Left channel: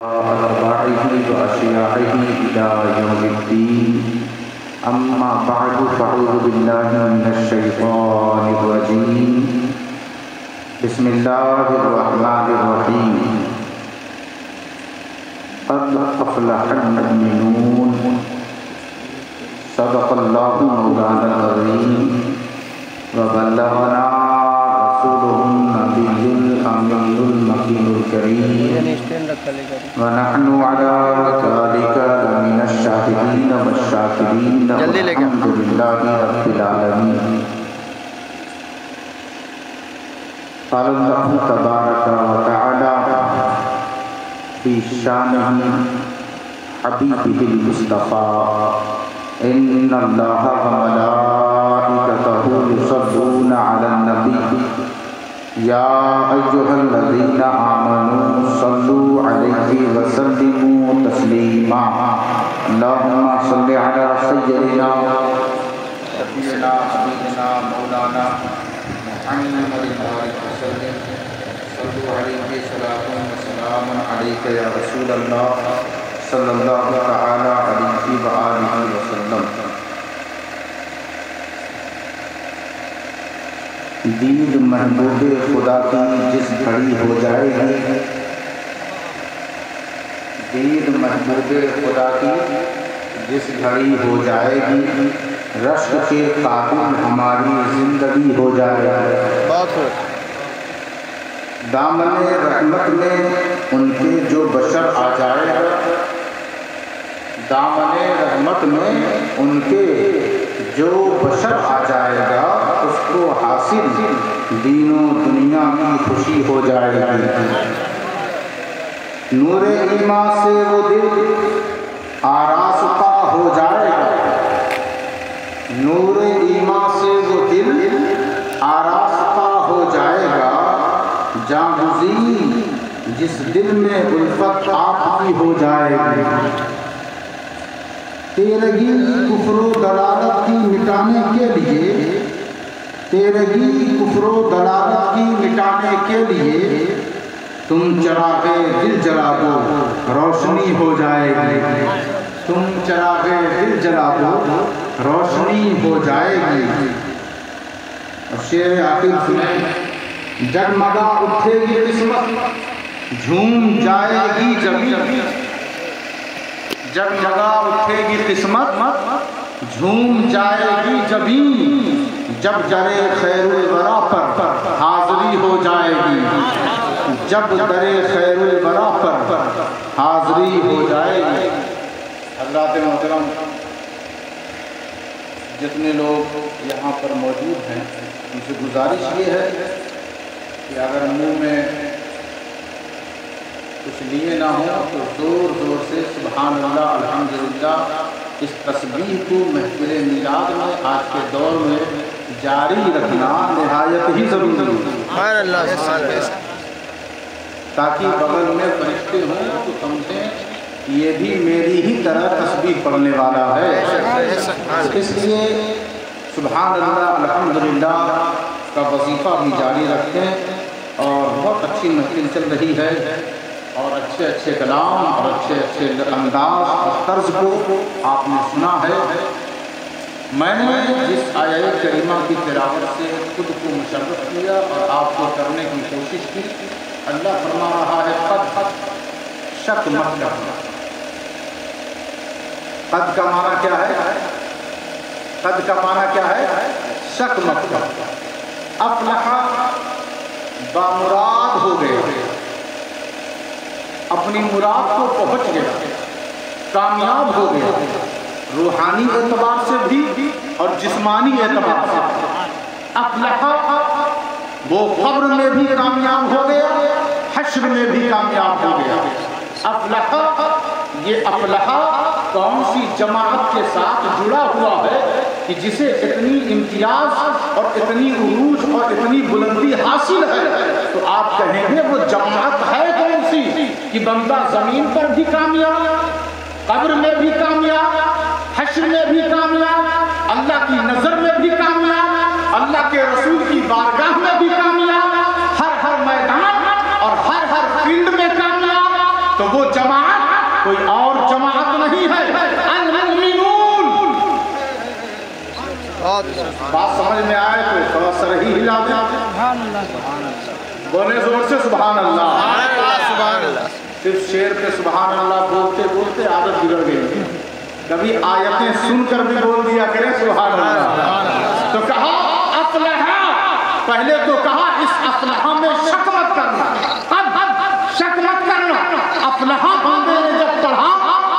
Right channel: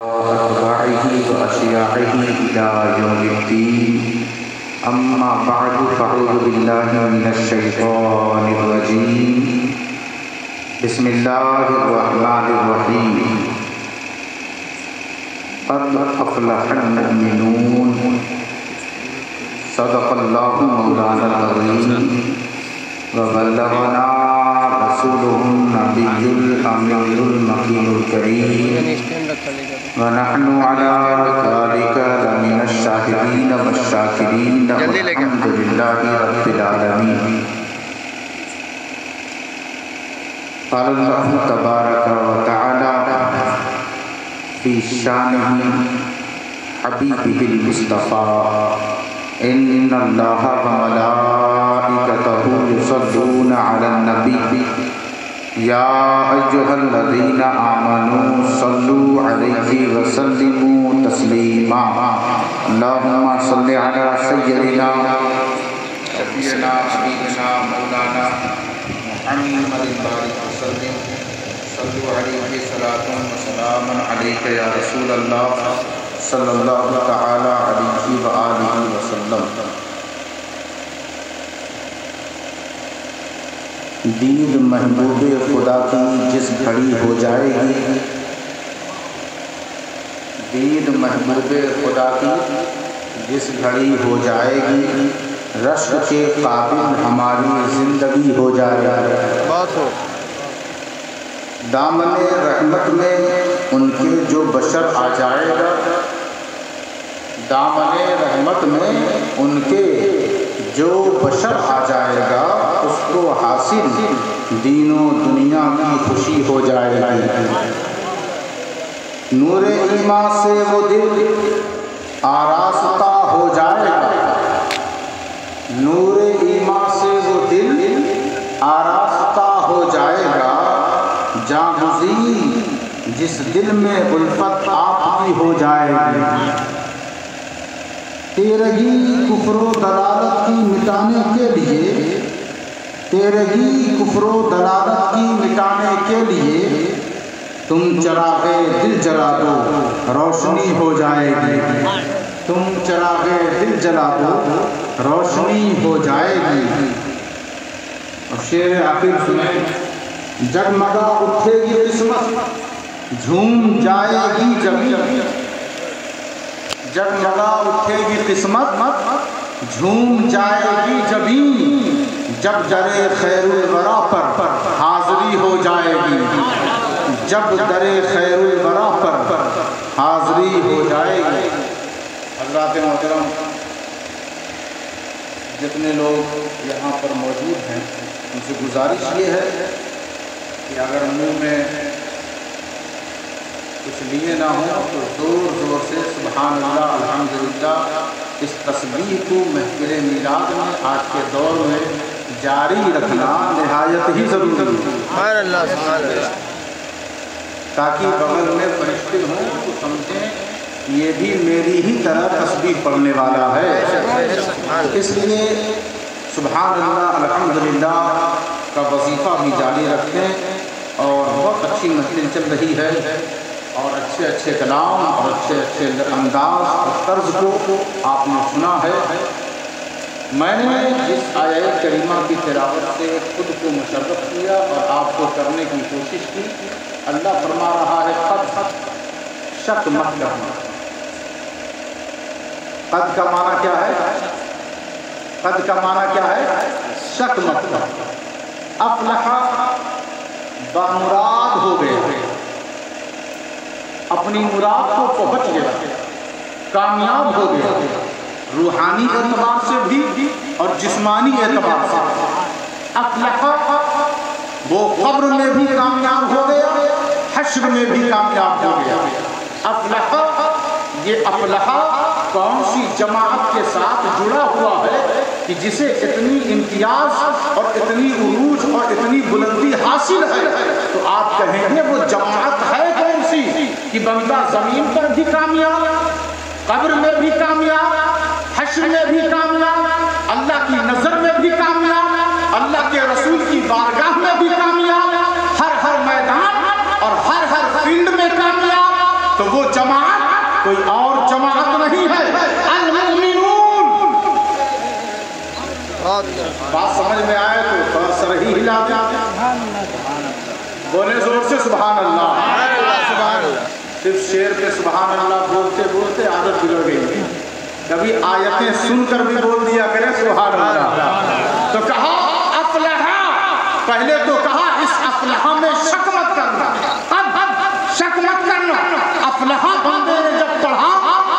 أتباعه وأشياعه إلى يوم الدين. أما بعد فأعوذ بالله من الشيطان الرجيم. بسم الله الرحمن الرحيم. قد أفلح المؤمنون. صدق الله مولانا العظيم وبلغنا رسوله النبي الأمين المكين الكريم ونحن على ذلك لمن الشاهدين والشاكرين والحمد لله رب العالمين. قال الله تبارك وتعالى في شانه حبيبه المصطفى إن الله وملائكته يصلون على النبي يا أيها الذين آمنوا صلوا عليه وسلموا تسليما. اللهم صل على سيدنا شفيعنا حبيبنا مولانا محمد وسلم. صلوا عليه صلاة وسلام عليك يا رسول الله صلی اللہ تعالی علیہ وآلہ وسلم. دید محبوب خدا کی جس گھڑی ہو جائے گی، دید محبوب خدا کی جس گھڑی ہو جائے گی، رشک کے قابل ہماری زندگی ہو جائے گی. دامن رحمت میں ان کے جو بشر آ جائے گا، دامن رحمت میں ان کے جو بشر آ جائے گا، اس کو حاصل دین و دنیا کی خوشی ہو جائے گی. نور ایمان سے وہ دل آراستہ ہو جائے گا، نور ایمان سے وہ دل آراستہ ہو جائے گا. جاں گزین جس دل میں الفت آپ کی ہو جائے گی. تیرگی کفر و ضلالت کی مٹانے کے لیے، تیرگی کفر و ضلالت کی مٹانے کے لیے تم چراغ دل جلا دو، روشنی ہو جائے گی. تم چراغ دل جلا دو، روشنی ہو جائے گی. اور شعر آخر سنیں. جگمگا اٹھے گی قسمت، جھوم جائے گی زمین. جگمگا اٹھے گی قسمت، جھوم جائے گی زمین. جب درے خیر الورا پر حاضری ہو جائے گی، جب درے خیر الورا پر حاضری ہو جائے گی. حضرات محترم، جتنے لوگ یہاں پر موجود ہیں، ان سے گزارش یہ ہے کہ اگر منہ میں کچھ لیے نہ ہوں تو زور زور سے سبحان اللہ الحمدللہ اس تسبیح کو محفل میلاد میں آج کے دور میں جاری رکھنا نہایت ہی ضروری ہے. سبحان اللہ سبحان اللہ. تاکہ بغل میں فرشتے ہوں تو سمجھیں یہ بھی میری ہی طرح تسبیح پڑھنے والا ہے. اس لیے سبحان اللہ الحمدللہ کا وظیفہ بھی جاری رکھتے ہیں. اور بہت اچھی محفل چل رہی ہے، اور اچھے اچھے کلام اور اچھے اچھے انداز اور طرز کو آپ نے سنا ہے. میں نے جس آیہ کریمہ کی تلاوت سے خود کو مشرف کیا اور آپ کو کرنے کی کوشش کی، اللہ فرما رہا ہے قد شک مت کرنا. قد کا معنی کیا ہے؟ قد کا معنی کیا ہے؟ شک مت کرنا. افلح بامراد ہو گیا، اپنی مراد کو پہنچ گیا، کامیاب ہو گیا، روحانی اعتبار سے بھی اور جسمانی اعتبار سے. افلح وہ قبر میں بھی کامیاب ہو گیا، حشر میں بھی کامیاب ہو گیا. افلح یہ افلح کون سی جماعت کے ساتھ جڑا ہوا ہے کہ جسے اتنی امتیاز اور اتنی عروج اور اتنی بلندی حاصل ہے؟ تو آپ کہیں گے وہ جماعت ہے کون سی کہ بندہ زمین پر بھی کامیاب، قبر میں بھی کامیاب، حشر میں بھی کامیاب، اللہ کی نظر میں بھی کامیاب، اللہ کے رسول کی بارگاہ میں بھی کامیاب، ہر میدان اور ہر فیلڈ میں کامیاب. تو وہ جماعت کوئی اور جماعت نہیں ہے، المؤمنون۔ بات سمجھ میں آئے تو تھوڑا سر ہی ہلا دیں، بولے زور سے سبحان اللہ۔ صرف شعر پہ سبحان اللہ بولتے بولتے عادت بگڑ گئی، کبھی آیتیں سن کر بھی بول دیا کریں سبحان اللہ۔ تو کہا افلح، پہلے تو کہا اس افلح میں شک مت کرنا، اب شک مت کرنا۔ افلح بندے نے جب پڑھا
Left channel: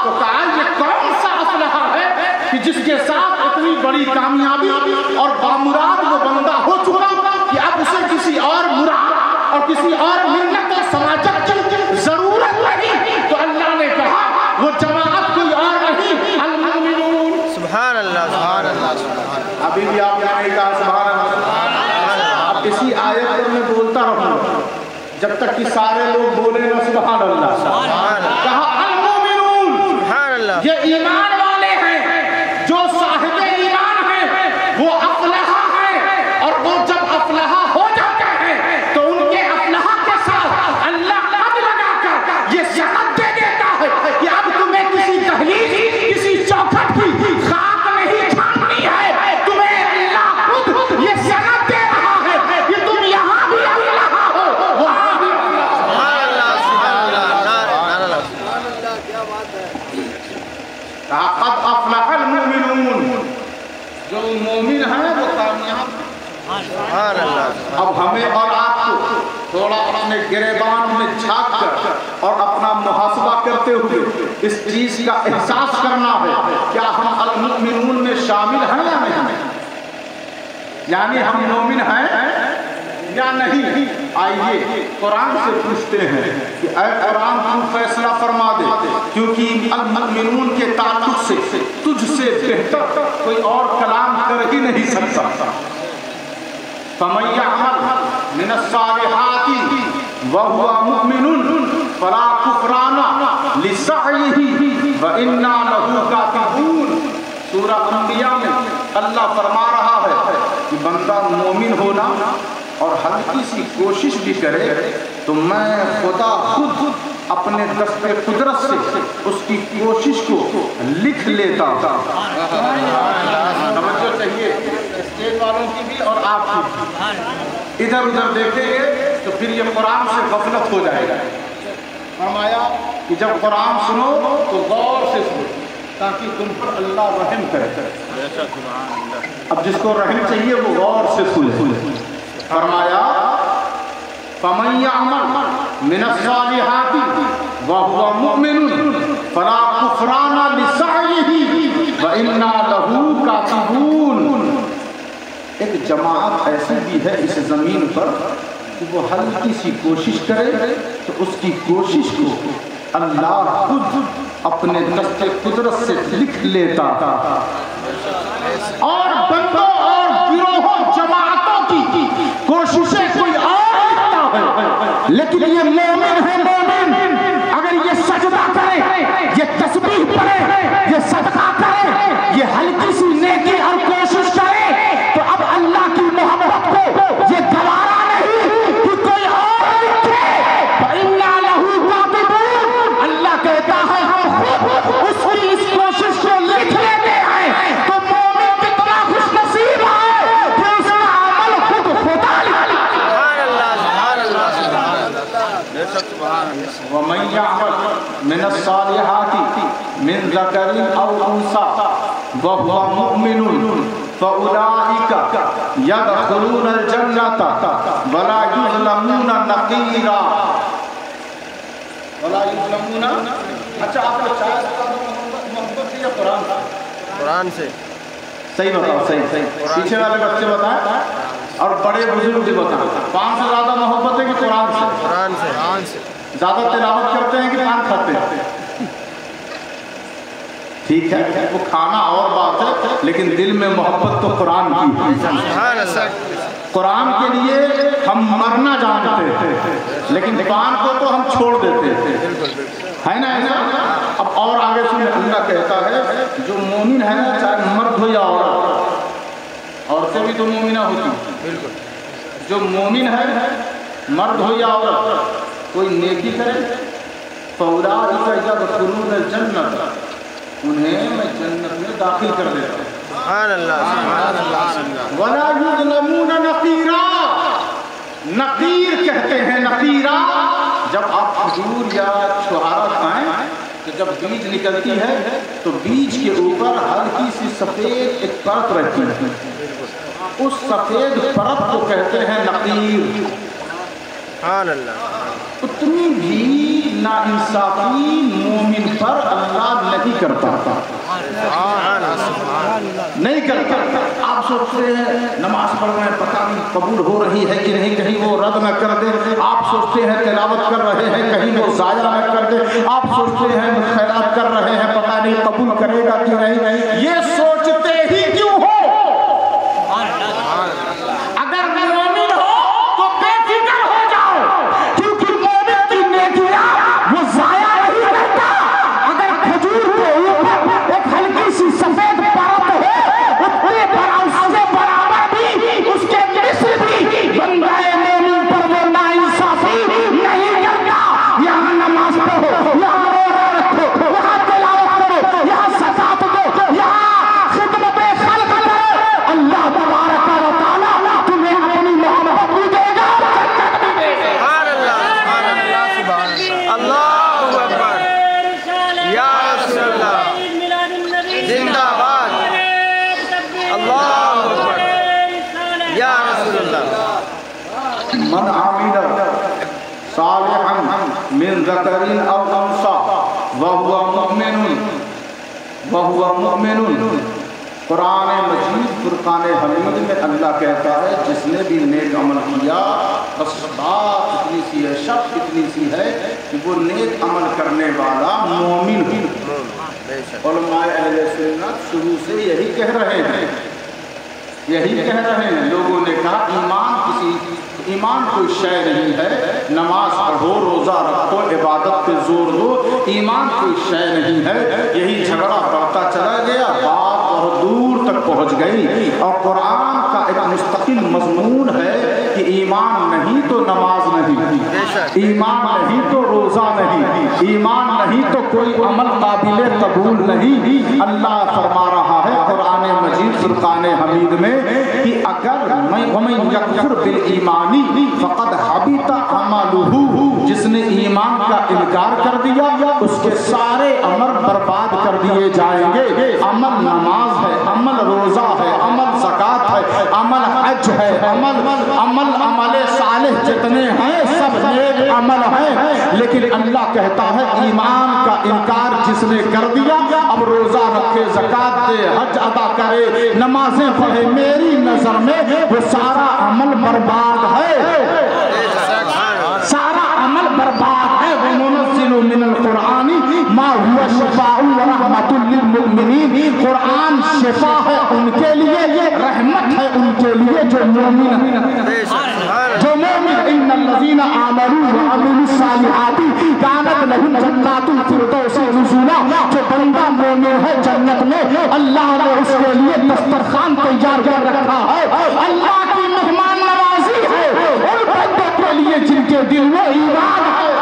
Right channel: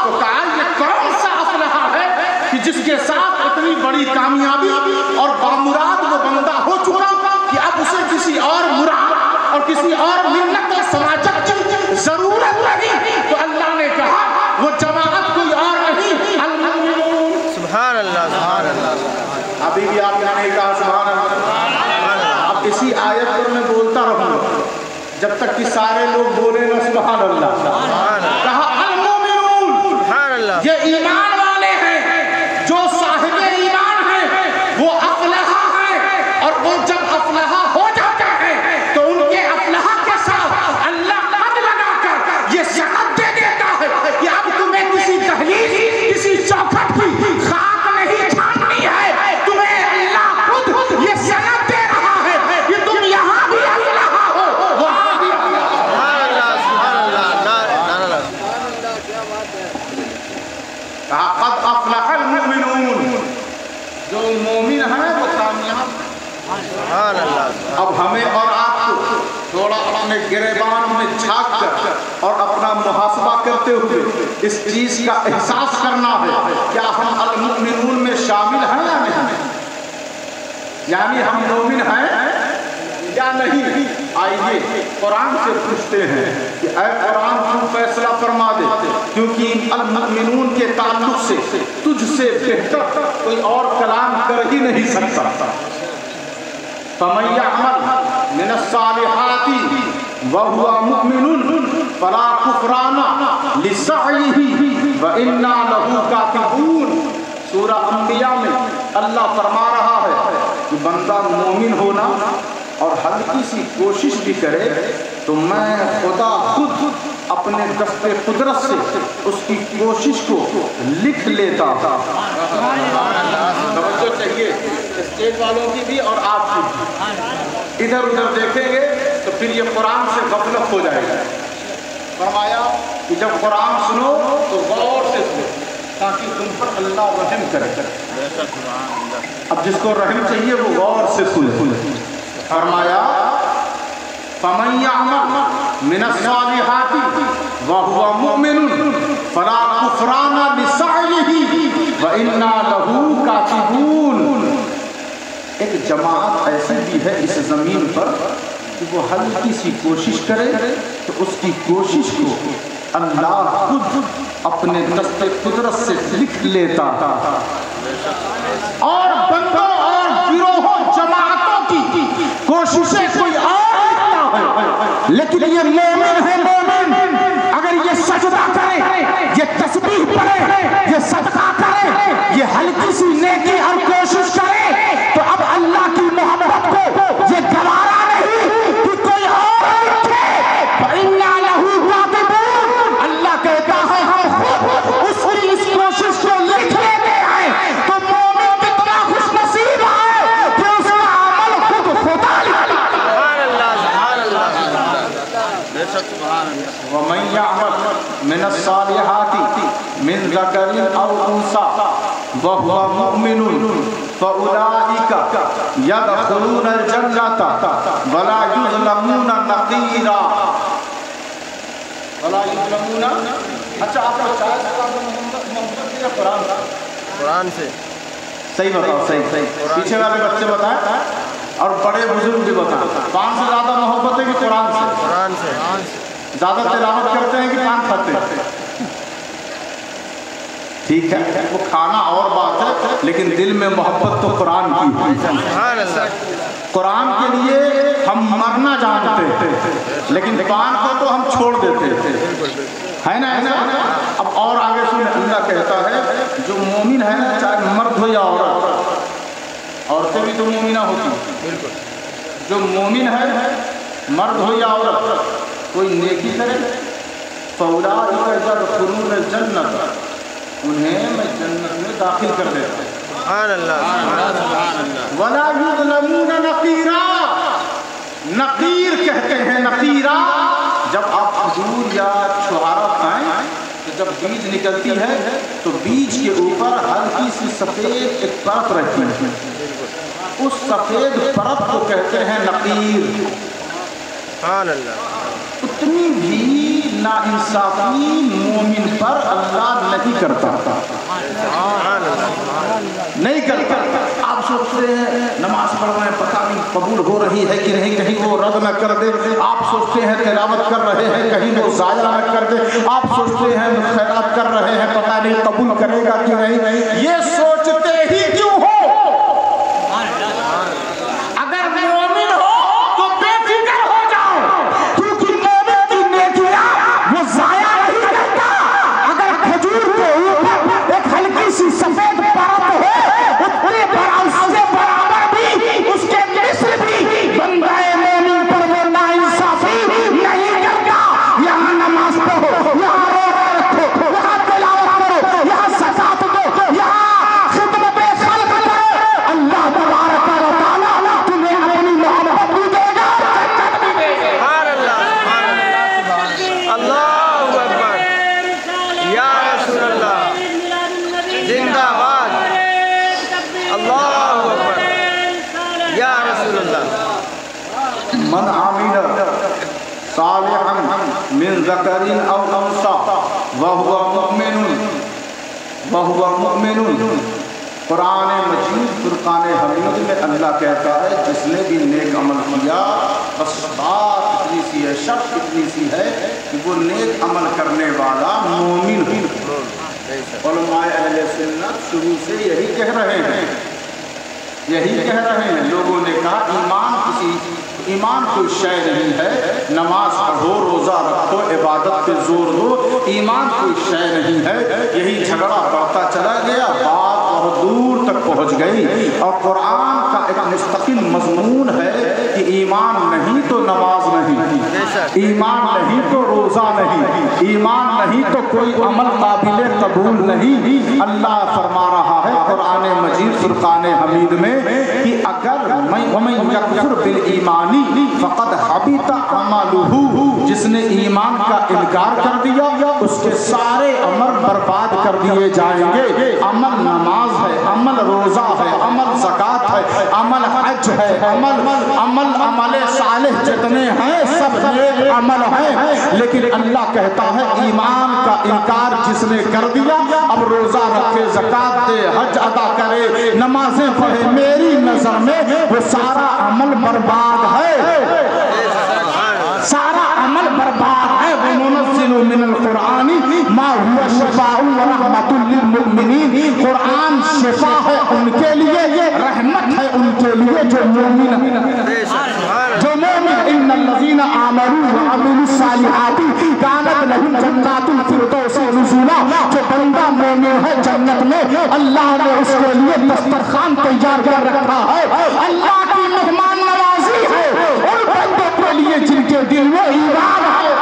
تو کہا یہ کون سا افلح ہے کہ جس کے ساتھ اتنی بڑی کامیابی اور بامراد وہ بندہ ہو چکا کہ اب اسے کسی اور مراد اور کسی اور ملت اور سماجت کی ضرورت نہیں۔ تو اللہ نے کہا وہ جماعت کوئی اور نہیں، المؤمنون۔ سبحان اللہ، سبحان اللہ۔ ابھی بھی آپ نے نہیں کہا سبحان اللہ۔ اب اسی آیت پر میں بولتا رہوں جب تک کہ سارے لوگ بولے نا سبحان اللہ۔ کہا المؤمنون، سبحان اللہ، یہ ایمان والے ہیں، جو صاحب ایمان ہیں وہ افلح ہیں، اور وہ جب افلح ہو جاتا ہے تو ان کے افلح کے ساتھ اللہ قد لگا کر یہ سند دے دیتا ہے کہ اب تمہیں کسی دہلیز کسی چوکھٹ کی خاک نہیں چھاننی ہے، تمہیں اللہ خود یہ سند دے رہا ہے کہ تم یہاں بھی افلح ہو وہاں بھی افلح ہو۔ سبحان اللہ، سبحان اللہ، نعرہ لگا۔ کہا قد افلح المؤمنون، جو مومن ہیں وہ کامیاب ہیں۔ سبحان اللہ۔ اب ہمیں اور آپ کو تھوڑا اپنے گریبان میں جھانک کر اور اپنا محاسبہ کرتے ہوئے اس چیز کا احساس کرنا ہے کیا ہم المؤمنون میں شامل ہیں یا نہیں، یعنی ہم مومن ہیں یا نہیں۔ آئیے قرآن سے پوچھتے ہیں کہ اے قرآن ہم فیصلہ فرما دے، کیونکہ المؤمنون کے تعلق سے تجھ سے بہتر کوئی اور کلام کر ہی نہیں سکتا۔ فَمَن يَعْمَلْ مِنَ الصَّالِحَاتِ وَهُوَ مُؤْمِنٌ فَلَا كُفْرَانَ لِسَعْيِهِ وَإِنَّا لَهُ كَاتِبُونَ۔ سورہ انبیاء میں اللہ فرما رہا ہے کہ بندہ مومن ہونا اور ہلکی سی کوشش بھی کرے تو میں خدا خود اپنے دست قدرت سے اس کی کوشش کو لکھ لیتا ہوں۔ توجہ چاہیے اسٹیٹ والوں کی بھی اور آپ کی بھی، ادھر ادھر دیکھیں گے تو پھر یہ قرآن سے غفلت ہو جائے گا۔ فرمایا کہ جب قرآن سنو تو غور سے سنو تاکہ تم پر اللہ رحم کرے۔ اب جس کو رحم چاہیے وہ غور سے سنے۔ فرمایا فَمَن يَعْمَلْ مِنَ الصَّالِحَاتِ وَهُوَ مُؤْمِنٌ فَلَا كُفْرَانَ لِسَعْيِهِ وَإِنَّا لَهُ كَاتِبُونَ۔ ایک جماعت ایسی بھی ہے اس زمین پر کہ وہ ہلکی سی کوشش کرے تو اس کی کوشش کو اللہ خود اپنے دست قدرت سے لکھ لیتا تھا، اور بندوں اور گروہوں جماعتوں کی کوششیں کوئی اور لکھتا ہے، لیکن یہ مومن ہے۔ مومن اگر یہ سجدہ کرے، یہ تسبیح پڑھے، یہ صدقہ کرے، یہ ہلکی سی نیکی اور کوشش کرے تو اب اللہ کی محبت کو یہ گوارا نہیں کہ کوئی اور لکھے۔ فَإِنَّا لَهُ كَاتِبُونَ، اللہ کہتا ہے ہم خود اس کی اس کوشش کو لکھ لیتے ہیں۔ تو مومن کتنا خوش نصیب ہے کہ اس کا عمل خود خدا لکھتا ہے۔ سبحان اللہ، سبحان اللہ، بے شک سبحان اللہ۔ وَمَن يَعْمَلْ مِنَ الصَّالِحَاتِ مِن ذَكَرٍ أَوْ أُنثَىٰ وَهُوَ مُؤْمِنٌ فَأُولَٰئِكَ يَدْخُلُونَ الْجَنَّةَ وَلَا يُظْلَمُونَ نَقِيرًا۔ وَلَا يُظْلَمُونَ، اچھا آپ کو چاہے محبت سے یا قرآن سے؟ قرآن سے۔ صحیح بتاؤ، صحیح۔ پیچھے والے بچے بتائیں اور بڑے بزرگ بھی بتائیں، پان سے زیادہ محبت ہے کہ قرآن سے؟ قرآن سے۔ زیادہ تلاوت کرتے ہیں کہ پان کھاتے ہیں؟ ٹھیک ہے، وہ کھانا اور بات ہے لیکن دل میں محبت تو قرآن کی ہے۔ سبحان اللہ۔ قرآن کے لیے ہم مرنا جانتے تھے لیکن پان کو تو ہم چھوڑ دیتے تھے، ہے نا ایسا؟ اب اور آگے سنیں، اللہ کہتا ہے جو مومن ہے نا، چاہے مرد ہو یا عورت، عورتیں بھی تو مومنہ ہوتی، بالکل، جو مومن ہے مرد ہو یا عورت، کوئی نیکی کرے فَأُولَٰئِكَ يَدْخُلُونَ الْجَنَّةَ، انہیں میں جنت میں داخل کر دیتا ہوں. سبحان اللہ سبحان اللہ. وَلَا يُظْلَمُونَ نَقِيرًا، نقیر کہتے ہیں نقیرہ. جب آپ کھجور یا چھہارا کھائیں تو جب بیج نکلتی ہے تو بیج کے اوپر ہلکی سی سفید ایک پرت رہتی ہے، اس سفید پرت کو کہتے ہیں نقیر. سبحان اللہ. اتنی بھی ناانصافی مومن پر اللہ نہیں کرتا، سبحان اللہ. نہیں کرتا. آپ سوچتے ہیں نماز پڑھ رہے ہیں پتہ نہیں قبول ہو رہی ہے کہ نہیں، کہیں وہ رد نہ کر دے. آپ سوچتے ہیں تلاوت کر رہے ہیں کہیں وہ ضائع نہ کر دے. آپ سوچتے ہیں خیرات کر رہے ہیں پتہ نہیں قبول کرے گا کہ نہیں. یہ سوچتے ہی کیوں ہو؟ اگر مومن ہو تو بے فکر ہو جاؤ، کیونکہ مومن کی نیکیاں وہ ضائع نہیں کرتا. اگر کھجور کے اوپر ایک ہلکی سی سفید پرت ہے، اتنے برابر سے برابر بھی اس کے مصر بھی بندہ مومن پر وہ ناانصافی نہیں کرتا. یہاں نماز پڑھو، یہاں روزہ رکھو، یہاں تلاوت کرو، یہاں زکات دو، یہاں خدمت خلق کرو. اللہ تبارک و تعالیٰ تمہیں اپنی محبت بھی دے گا. سبحان اللہ سبحان اللہ. اللہ اکبر. یا رسول اللہ زندہ باد. اللہ اکبر. یا رسول اللہ. من عمل صالحا من ذکر او انثى وهو مؤمن. قرآن مجید فرقان حمید میں اللہ کہتا ہے جس نے بھی نیک عمل کیا، بس بات اتنی سی ہے، شرط اتنی سی ہے کہ وہ نیک عمل کرنے والا مومن ہو. علماء اہل سنت شروع سے یہی کہہ رہے ہیں، یہی کہہ رہے ہیں. لوگوں نے کہا ایمان کوئی شے نہیں ہے، نماز پڑھو، روزہ رکھو، عبادت پہ زور دو، ایمان کوئی شے نہیں ہے. یہی جھگڑا بڑھتا چلا گیا، بات بہت دور تک پہنچ گئی. اور قرآن کا ایک مستقل مضمون ہے کہ ایمان نہیں تو نماز نہیں، ایمان نہیں تو روزہ نہیں، ایمان نہیں تو کوئی عمل قابل قبول نہیں. اللہ فرما رہا ہے قرآن مجید فرقان حمید میں کہ اگر وَمَن يَكْفُرْ بِالْإِيمَانِ فَقَدْ حَبِطَ عَمَلُهُ، جس نے ایمان کا انکار کر دیا اس کے سارے عمل برباد کر دیے جائیں گے. عمل نماز ہے، عمل روزہ ہے، عمل زکات ہے، عمل حج ہے، عمل صالح جتنے ہیں سب نیک عمل ہیں. لیکن اللہ کہتا ہے ایمان کا انکار جس نے کر دیا، اب روزہ رکھے، زکات دے، حج ادا کرے، نمازیں پڑھے، میری نظر میں وہ سارا عمل برباد ہے، سارا عمل برباد ہے. وَنُنَزِّلُ مِنَ الْقُرْآنِ مَا هُوَ شِفَاءٌ وَرَحْمَةٌ لِّلْمُؤْمِنِينَ. قرآن شفا ہے ان کے لیے، رحمت ہے ان کے لیے جو مومن ہیں. جو مومن ان الذین آمنوا وعملوا الصالحات كانت لهم جنات الفردوس نزلا. جو بندہ مومن ہے جنت میں اللہ نے اس کے لیے دسترخوان تیار کر رکھا ہے. اللہ کی مہمان نوازی ہے ان بندوں کے لیے جن کے دل میں ایمان ہے،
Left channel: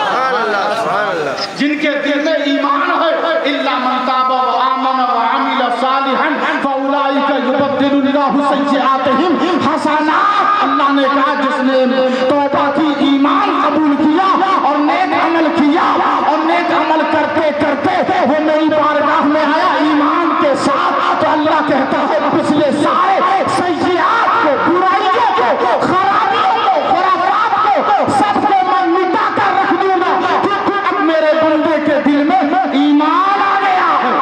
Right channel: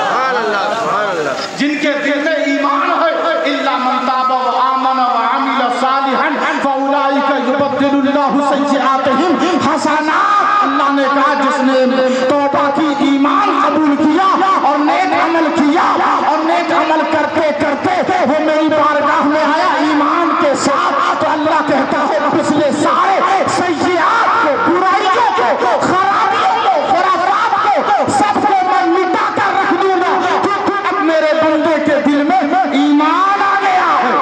سبحان اللہ سبحان اللہ. جن کے دل میں ایمان ہے. الا من تاب وآمن وعمل صالحا فاولئک یبدل اللہ سیئاتہم حسنات. اللہ نے کہا جس نے توبہ کی، ایمان قبول کیا اور نیک عمل کیا، اور نیک عمل کرتے کرتے وہ میری بارگاہ میں آیا ایمان کے ساتھ، تو اللہ کہتا ہے پچھلے سارے سیئات کو، برائیوں کو، خرابیوں کو، خرافات کو سب کو میں مٹا کر رکھ دوں گا، کیونکہ اب میرے بندے کے دل میں ایمان آ گیا ہے.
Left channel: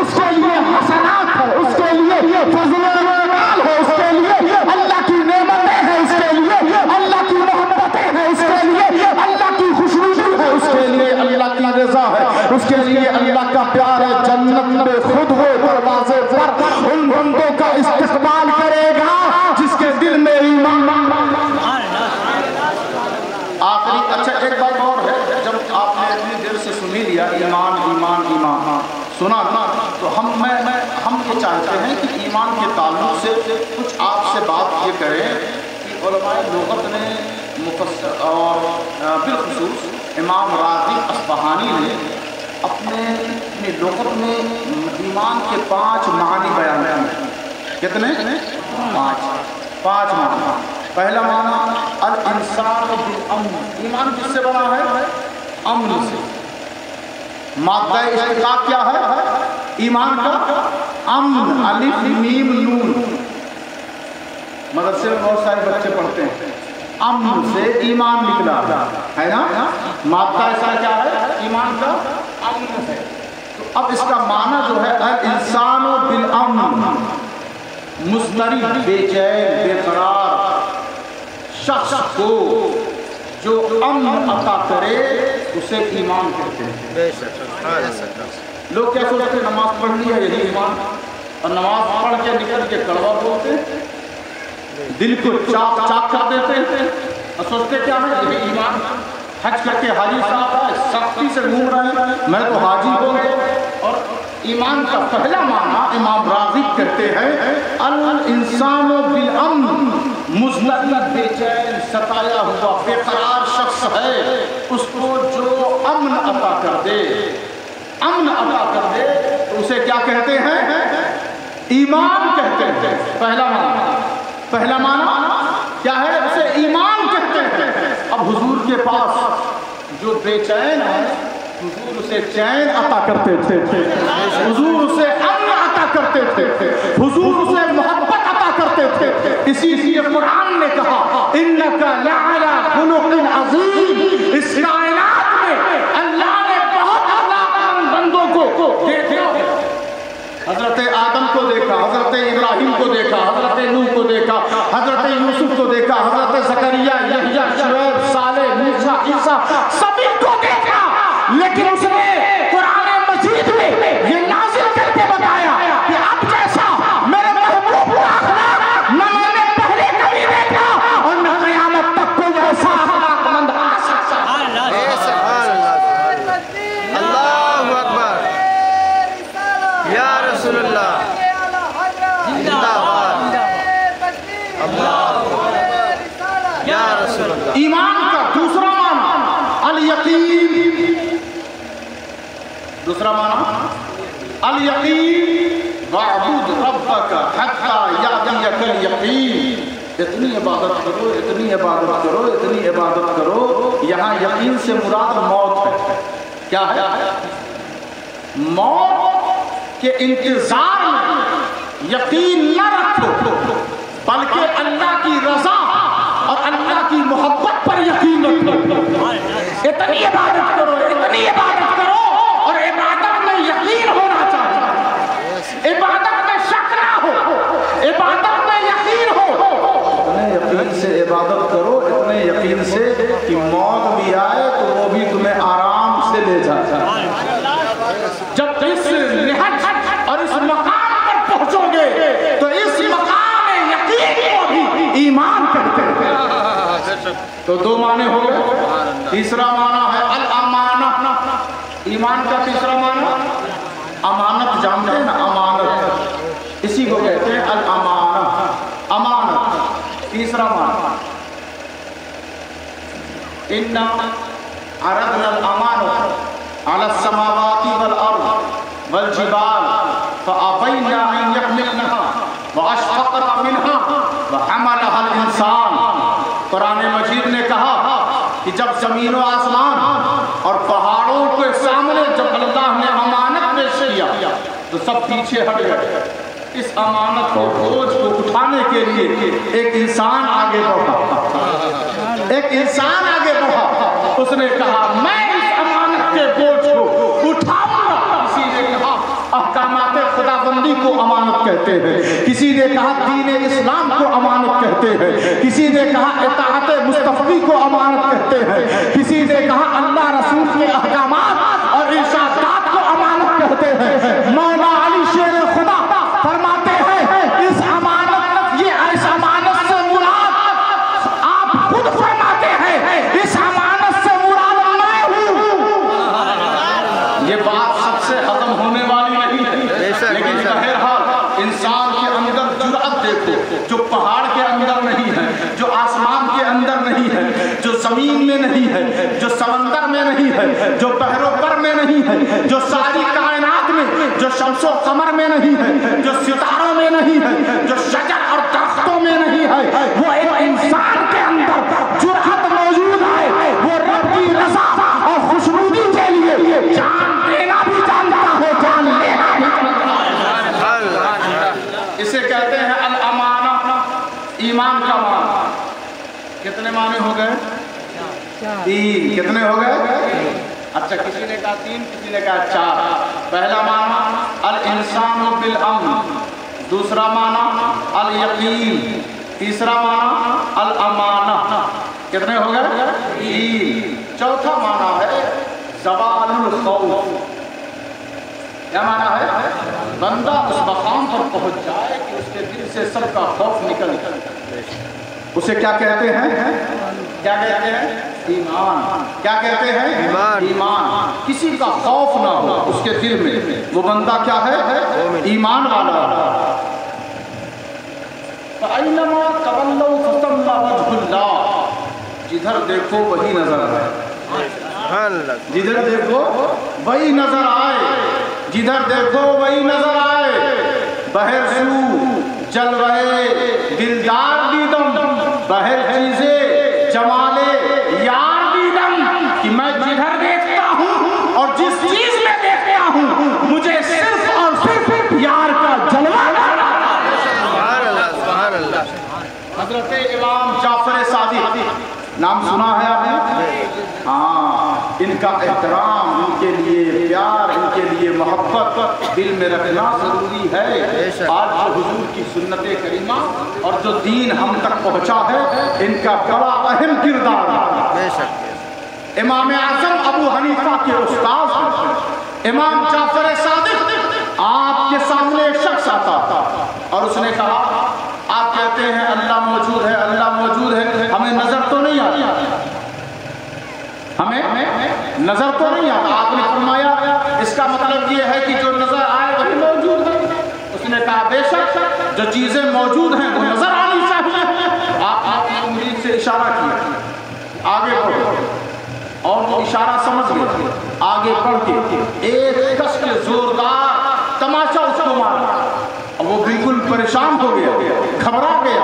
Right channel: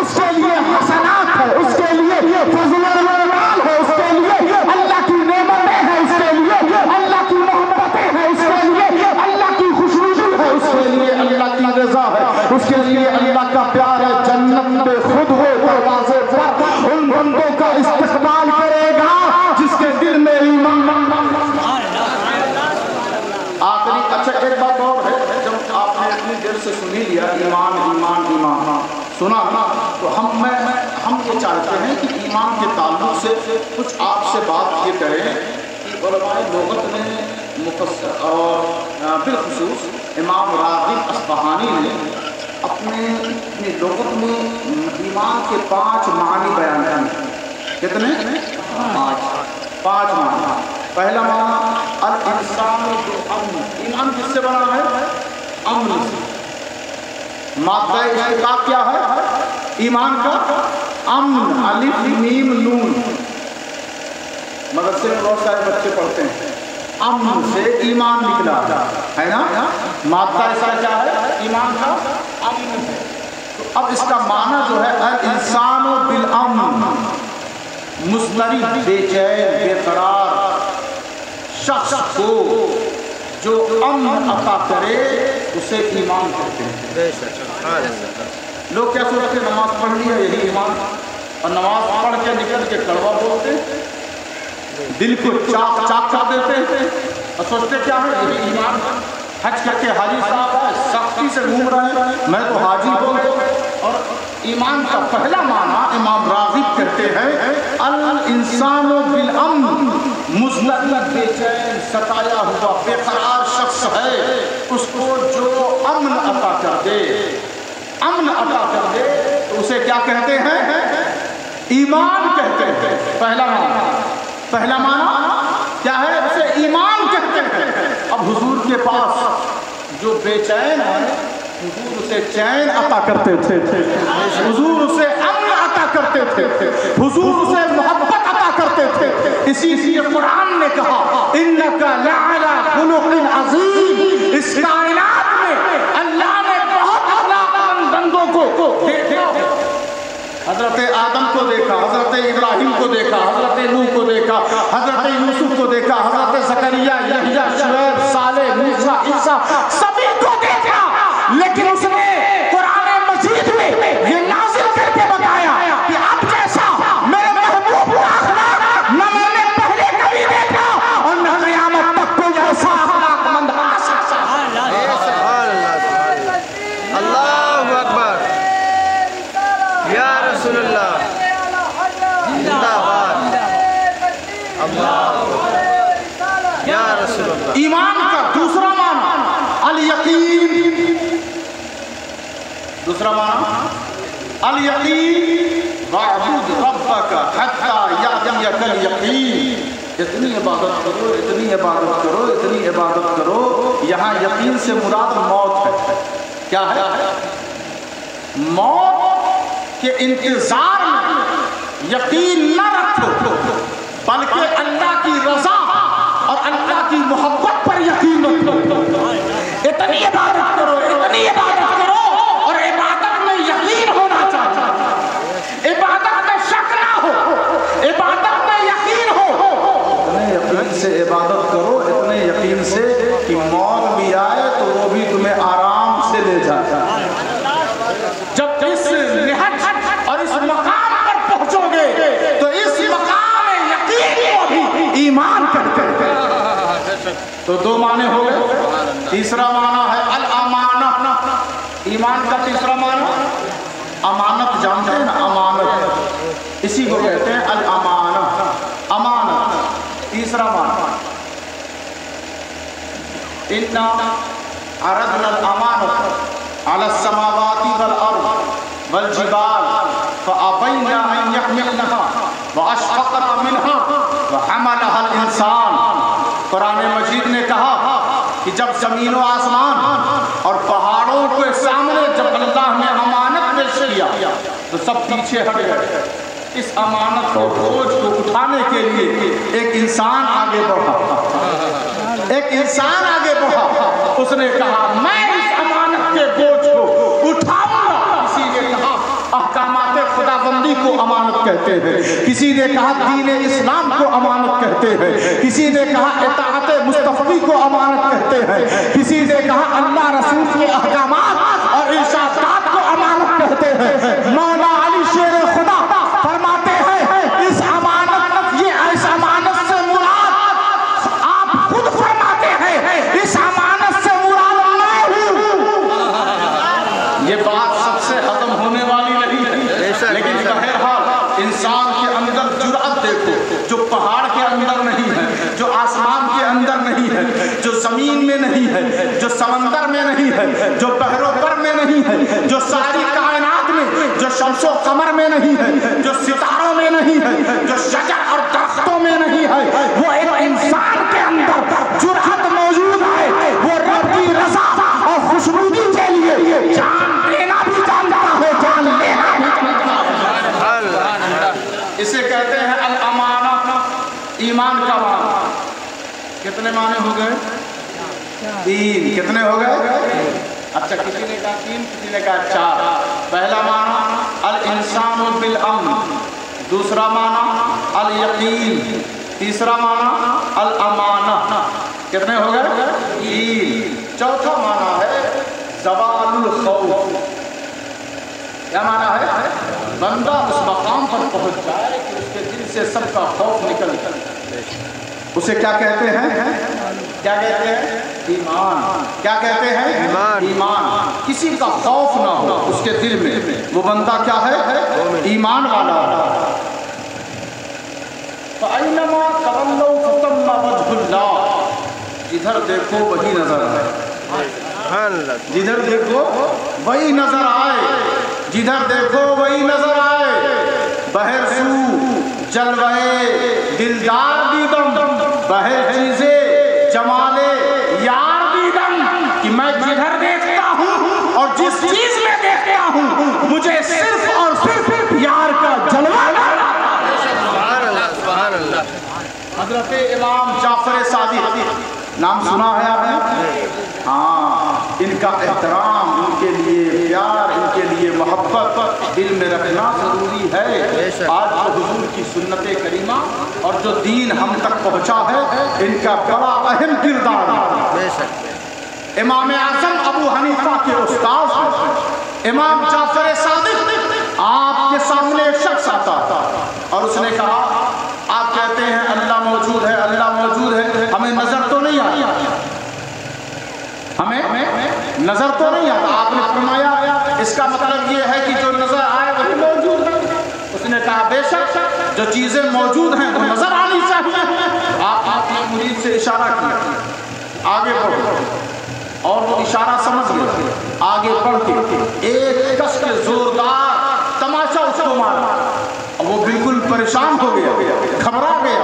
اس کے لیے حسنات ہے، اس کے لیے فضیلت ہے، اس کے لیے اللہ کی نعمتیں ہیں، اس کے لیے اللہ کی محبتیں ہیں، اس کے لیے اللہ کی خوشنودی ہے، اس کے لیے اللہ کی رضا ہے، اس کے لیے اللہ کا پیار ہے. جنت میں خود ہو دروازے پر ان بندوں کا استقبال کرے گا جس کے دل میں ایمان. آخری اچھا ایک بات اور ہے، جب آپ نے اپنے دل سے سنی لیا ایمان ایمان ایمان سنا تو ہم یہ چاہتے ہیں کہ ایمان کے تعلق سے کچھ آپ سے بات یہ کریں کہ علماء لغت نے مفسر اور بالخصوص امام راغب اصفہانی نے اپنے لغت میں ایمان کے 5 معنی بیان کیے. کتنے؟ 5 معنی. پہلا معنی الانسان بالامن. ایمان کس سے بنا ہے؟ امن سے. مادہ اشتقاق کیا ہے ایمان کا؟ امن. الف میم نون. مدرسے میں بہت سارے بچے پڑھتے ہیں. امن سے ایمان نکلا ہے نا. مادہ اس کا کیا ہے؟ ایمان کا امن ہے. تو اب اس کا معنی جو ہے الانسان بالامن. مضطرب، بے چین، بے قرار شخص کو جو امن عطا کرے اسے ایمان کہتے ہیں. بے شک. لوگ کیا سوچتے ہیں نماز پڑھ لی ہے یہی ایمان، اور نماز پڑھ کے نکل کے کڑوا بولتے ہیں، دل کو چاک چاک کر دیتے ہیں اور سوچتے کیا ہے یہی ایمان. حج کر کے حاجی صاحب ہے سختی سے گھوم رہے ہیں میں تو حاجی ہو گئے. اور ایمان کا پہلا معنی امام راغب کہتے ہیں الانسان بالامن. مضطرب، بے چین، ستایا ہوا، بے قرار شخص ہے اس کو جو امن عطا کر دے، امن عطا کر دے تو اسے کیا کہتے ہیں؟ ایمان کہتے ہیں. پہلا معنی کیا ہے؟ اسے ایمان کہتے ہیں. اب حضور کے پاس جو بے چین ہے حضور اسے چین عطا کرتے تھے، حضور اسے امن عطا کرتے تھے، حضور اسے محبت عطا کرتے تھے. اسی لیے قرآن نے کہا انک لعلی خلق عظیم. اس کائنات میں اللہ نے بہت اخلاق مند بندوں کو دیکھا. حضرت آدم کو دیکھا، حضرت ابراہیم کو دیکھا، حضرت نوح کو دیکھا، حضرت یوسف کو دیکھا، حضرت زکریا، یحییٰ، شعیب، صالح، موسیٰ، عیسیٰ، سبھی کو دیکھا. لیکن اس نے قرآن مجید میں یہ نازل کر کے بتایا کہ اب جیسا میرے محبوب کا اخلاق نہ میں نے پہلے کبھی دیکھا اور نہ قیامت تک کوئی ایسا اخلاق مند آ سکتا. اللہ اکبر. یا رسول اللہ زندہ باد. اللہ یا رسول اللہ. ایمان کا دوسرا معنی الیقین. دوسرا معنی الیقین. واعبد ربک حتی یأتیک الیقین. اتنی عبادت کرو، اتنی عبادت کرو، اتنی عبادت کرو. یہاں یقین سے مراد موت ہے. کیا ہے؟ موت کے انتظار میں یقین نہ رکھو بلکہ اللہ کی رضا اور اللہ کی محبت پر یقین رکھو. اتنی عبادت کرو، اتنی عبادت کرو اور عبادت میں یقین ہونا چاہیے. عبادت میں شک نہ ہو، عبادت میں یقین ہو. اتنے یقین سے عبادت کرو، اتنے یقین سے کہ موت بھی آئے تو وہ بھی تمہیں آرام سے لے جائے. جب اس نہج اور اس مقام پر پہنچو گے تو اس مقام یقین کو بھی ایمان کرتے ہیں. تو 2 معنی ہو گئے. تیسرا معنی ہے الامانہ. ایمان کا تیسرا معنی امانت. جانتے ہیں نا امانت، اسی کو کہتے ہیں الامانہ. امانت. تیسرا معنی انا عرضنا الامانة على السماوات والأرض والجبال فأبين أن يحملنها وأشفقن منها وحملها الإنسان. قرآن مجید نے کہا کہ جب زمین و آسمان اور پہاڑوں کے سامنے جب اللہ نے امانت پیش کیا تو سب پیچھے ہٹ گئے. اس امانت کو بوجھ کو اٹھانے کے لیے ایک انسان آگے بڑھا. ایک انسان آگے بڑھا. اس نے کہا میں اس امانت کے بوجھ کو اٹھاؤں گا. کسی نے کہا احکامات خداوندی کو امانت کہتے ہیں، کسی نے کہا دین اسلام کو امانت کہتے ہیں، کسی نے کہا اطاعت مصطفی کو امانت کہتے ہیں، کسی نے کہا اللہ رسول کے احکامات اور ارشادات کو امانت کہتے ہیں. مولا علی شیر خدا فرماتے ہیں اس امانت، یہ اس امانت سے مراد آپ خود فرماتے ہیں اس امانت سے مراد میں ہوں. یہ بات سب سے ہضم ہونے والی نہیں ہے، لیکن بہرحال انسان کے اندر جرأت دیکھو جو پہاڑ کے اندر نہیں ہے، جو آسمان کے اندر نہیں ہے، جو زمین میں نہیں ہے، جو سمندر میں نہیں ہے، جو بحر و بر میں نہیں ہے، جو ساری کائنات میں، جو شمس و قمر میں نہیں ہے، جو ستاروں میں نہیں ہے، جو شجر اور درختوں میں نہیں ہے، وہ ایک انسان کے اندر جرأت موجود ہے، وہ رب کی رضا اور خوشنودی کے لیے جان دینا بھی جانتا ہے، جان لینا بھی جانتا ہے۔ اسے کہتے ہیں الامانہ، ایمان کا معنی۔ کتنے معنی ہو گئے؟ تین۔ کتنے ہو گئے؟ اچھا، کسی نے کہا تین، کسی نے کہا چار۔ پہلا معنی الانسان بالامن، دوسرا معنی الیقین، تیسرا معنی الامانہ۔ کتنے ہو گئے؟ تین۔ چوتھا معنی ہے زوال الخوف۔ کیا معنی ہے؟ بندہ اس مقام پر پہنچ جائے کہ اس کے دل سے سب کا خوف نکل جائے۔ اسے کیا کہتے ہیں؟ کیا کہتے ہیں؟ ایمان۔ کیا کہتے ہیں؟ ایمان۔ ایمان۔ کسی کا خوف نہ ہو اس کے دل میں، وہ بندہ کیا ہے؟ ایمان والا۔ فَأَيْنَمَا تَوَلَّوْا فَثَمَّ وَجْهُ اللَّهِ، جدھر دیکھو وہی نظر آئے، جدھر دیکھو وہی نظر آئے، جدھر دیکھو وہی نظر آئے۔ بہر سو جلوے دلدار دیدم، بہر چیزیں جمالے یار دیدم، کہ میں جدھر دیکھتا ہوں اور جس چیز میں دیکھتا ہوں مجھے صرف اور صرف یار کا جلوہ نظر آتا ہے۔ سبحان اللہ، سبحان اللہ۔ حضرت امام جعفر صادق، نام سنا ہے آپ نے؟ ہاں، ان کا احترام، ان کے لیے پیار، ان کے لیے محبت دل میں رکھنا ضروری ہے۔ آج جو حضور کی سنت کریمہ اور جو دین ہم تک پہنچا ہے، ان کا بڑا اہم کردار ہے۔ بے شک۔ امام اعظم ابو حنیفہ کے استاذ امام جعفر صادق، آپ کے سامنے ایک شخص آتا اور اس نے کہا آپ کہتے ہیں اللہ موجود ہے، اللہ موجود ہے، ہمیں نظر تو نہیں آتی، ہمیں نظر تو نہیں آتا۔ آپ نے فرمایا اس کا مطلب یہ ہے کہ جو نظر آئے وہی موجود ہے۔ اس نے کہا بے شک جو چیزیں موجود ہیں وہ نظر آنی چاہیے۔ آپ نے مرید سے اشارہ کیا آگے بڑھو، اور وہ اشارہ سمجھ گیا، آگے بڑھ کے ایک کس کے زوردار تماشا اس کو مارا، وہ بالکل پریشان ہو گیا، گھبرا گیا،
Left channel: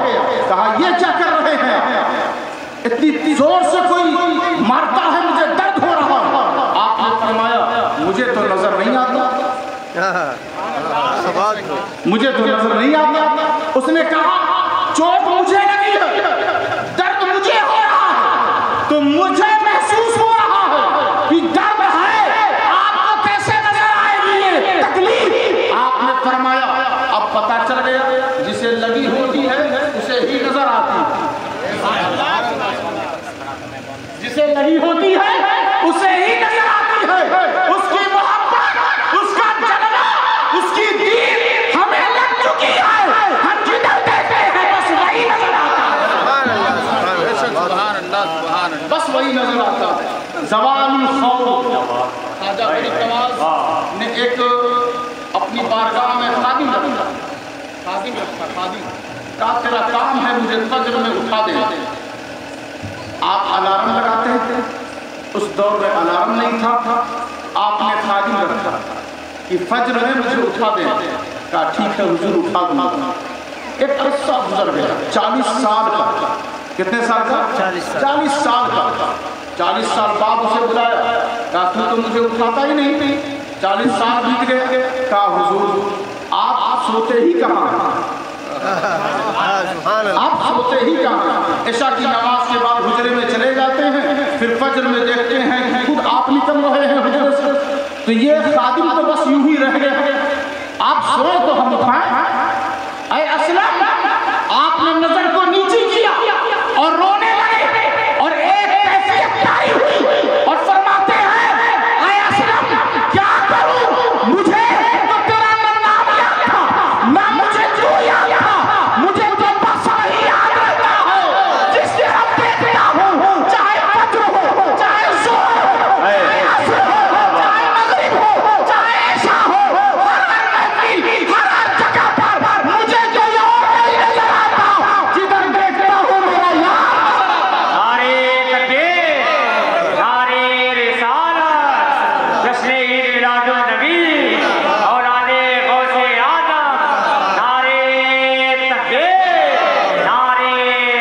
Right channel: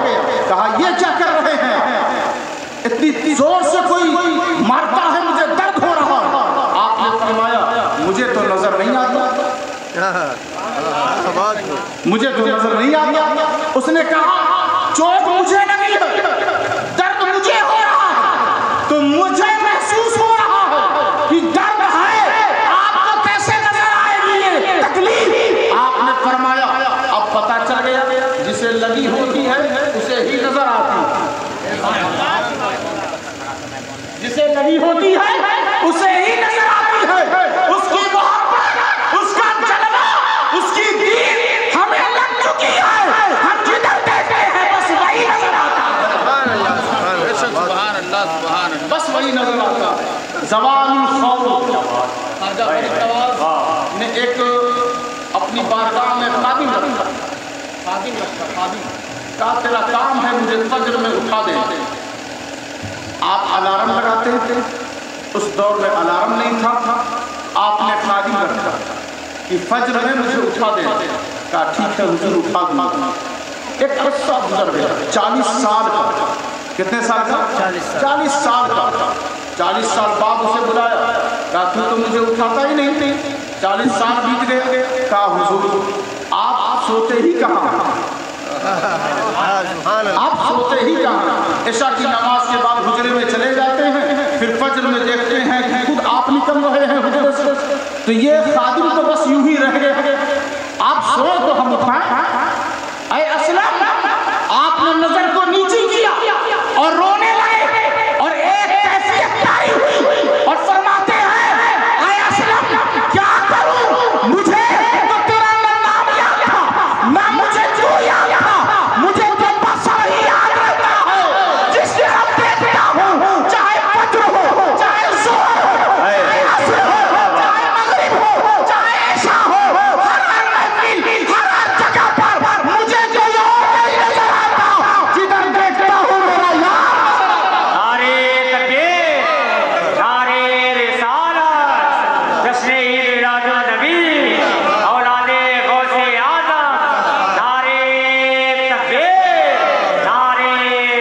کہا یہ کیا کر رہے ہیں؟ اتنی زور سے کوئی مارتا ہے، مجھے درد ہو رہا ہے۔ آپ نے فرمایا مجھے تو نظر نہیں آتا، مجھے تو نظر نہیں آتا۔ اس نے کہا چوٹ مجھے نہیں ہے، درد مجھے ہو رہا ہے، تو مجھے محسوس ہو رہا ہے کہ درد ہے، آپ کو کیسے نظر آئے گی یہ تکلیف؟ آپ نے فرمایا اب پتہ چل گیا جسے لگی ہوتی ہے اسے ہی نظر آتی ہے، جسے لگی ہوتی ہے اسے ہی نظر آتی ہے۔ اس کی محبت، اس کا جلوہ، اس کی دین ہمیں لگ چکی ہے، ہم جدھر دیکھتے ہیں بس وہی نظر آتا ہے۔ سبحان اللہ، سبحان اللہ، سبحان اللہ، سبحان اللہ۔ بس وہی نظر آتا ہے۔ زوال الخوف۔ خواجہ فرید نواز نے ایک اپنی بارگاہ میں خادم رکھا، کہا تیرا کام ہے مجھے فجر میں اٹھا دے۔ آپ الارم لگاتے تھے، اس دور میں الارم نہیں تھا، آپ نے خادم رکھا کہ فجر میں مجھے اٹھا دے۔ کہا ٹھیک ہے حضور اٹھا دوں۔ ایک قصہ گزر گیا 40 سال کا۔ کتنے سال کا؟ 40 سال کا۔ 40 سال بعد اسے بلایا، کہا تو مجھے اٹھاتا ہی نہیں تھی، 40 سال بیت گئے۔ کہا حضور آپ سوتے ہی کہاں، آپ سوتے ہی کہاں؟ عشاء کی نماز کے بعد حجرے میں چلے جاتے ہیں، پھر فجر میں دیکھتے ہیں کہ خود آپ نکل رہے ہیں حجرے سے، تو یہ خادم تو بس یوں ہی رہ گئے، آپ سوئے تو ہم اٹھائیں۔ اے اسلم، آپ نے نظر کو نیچے کیا اور رونے لگے، اور ایک کیفیت جاری ہوئی اور فرماتے ہیں اے اسلم کیا کروں، مجھے تو تیرا نام یاد تھا، نہ مجھے جو یاد تھا، مجھے تو بسر ہی یاد رہتا ہے، جس طرح دیکھتا ہوں چاہے فجر ہو، چاہے ظہر ہو، چاہے عصر ہو، چاہے مغرب ہو، چاہے عشاء ہو، ہر جگہ پر مجھے کوئی اور نہیں نظر آتا، جدھر دیکھتا ہوں میرا یار نظر آتا شہید میلاد النبی اولاد غوث اعظم، نعرے تکبیر، نعرے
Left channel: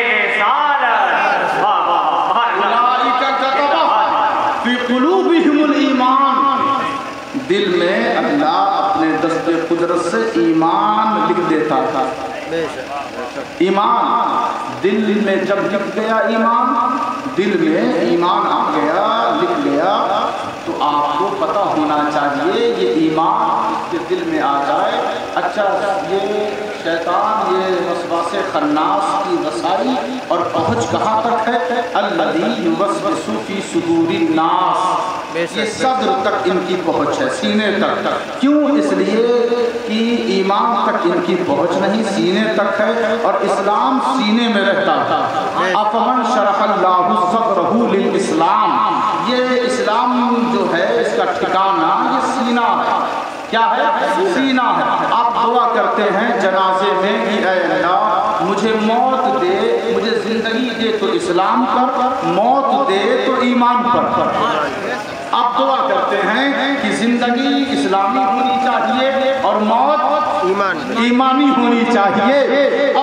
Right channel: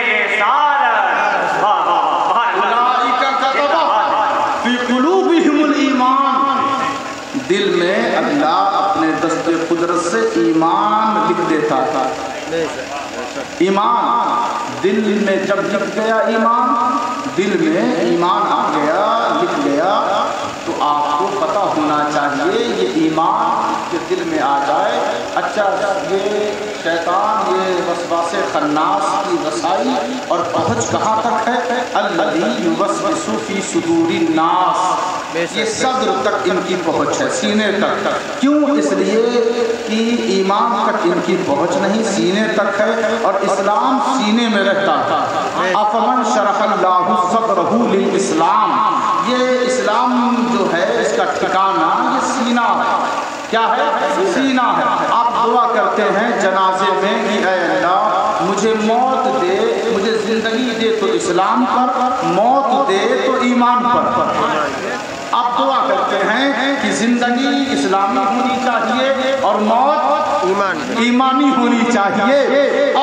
رسالت، واہ واہ اولئک کتب فی قلوبہم الایمان، دل میں اللہ اپنے دست قدرت سے ایمان لکھ دیتا تھا۔ ایمان دل میں جب لکھ گیا، ایمان دل میں ایمان آ گیا، لکھ گیا، تو آپ کو پتہ ہونا چاہیے یہ ایمان کے دل میں آ جائے۔ اچھا، یہ شیطان یہ وسواس خناس کی رسائی اور پہنچ کہاں تک ہے؟ الذی یوسوس فی صدور الناس، یہ صدر تک ان کی پہنچ ہے، سینے تک۔ کیوں؟ اس لیے کہ ایمان تک ان کی پہنچ نہیں، سینے تک ہے، اور اسلام سینے میں رہتا تھا۔ افمن شرح اللہ صدرہ للاسلام، یہ اسلام جو ہے اس کا ٹھکانہ یہ سینہ ہے۔ کیا ہے؟ سینہ ہے۔ آپ دعا کرتے ہیں جنازے میں کہ اے اللہ مجھے موت دے، مجھے زندگی دے تو اسلام پر، موت دے تو ایمان پر۔ آپ دعا کرتے ہیں کہ زندگی اسلامی ہونی چاہیے اور موت ایمانی ہونی چاہیے،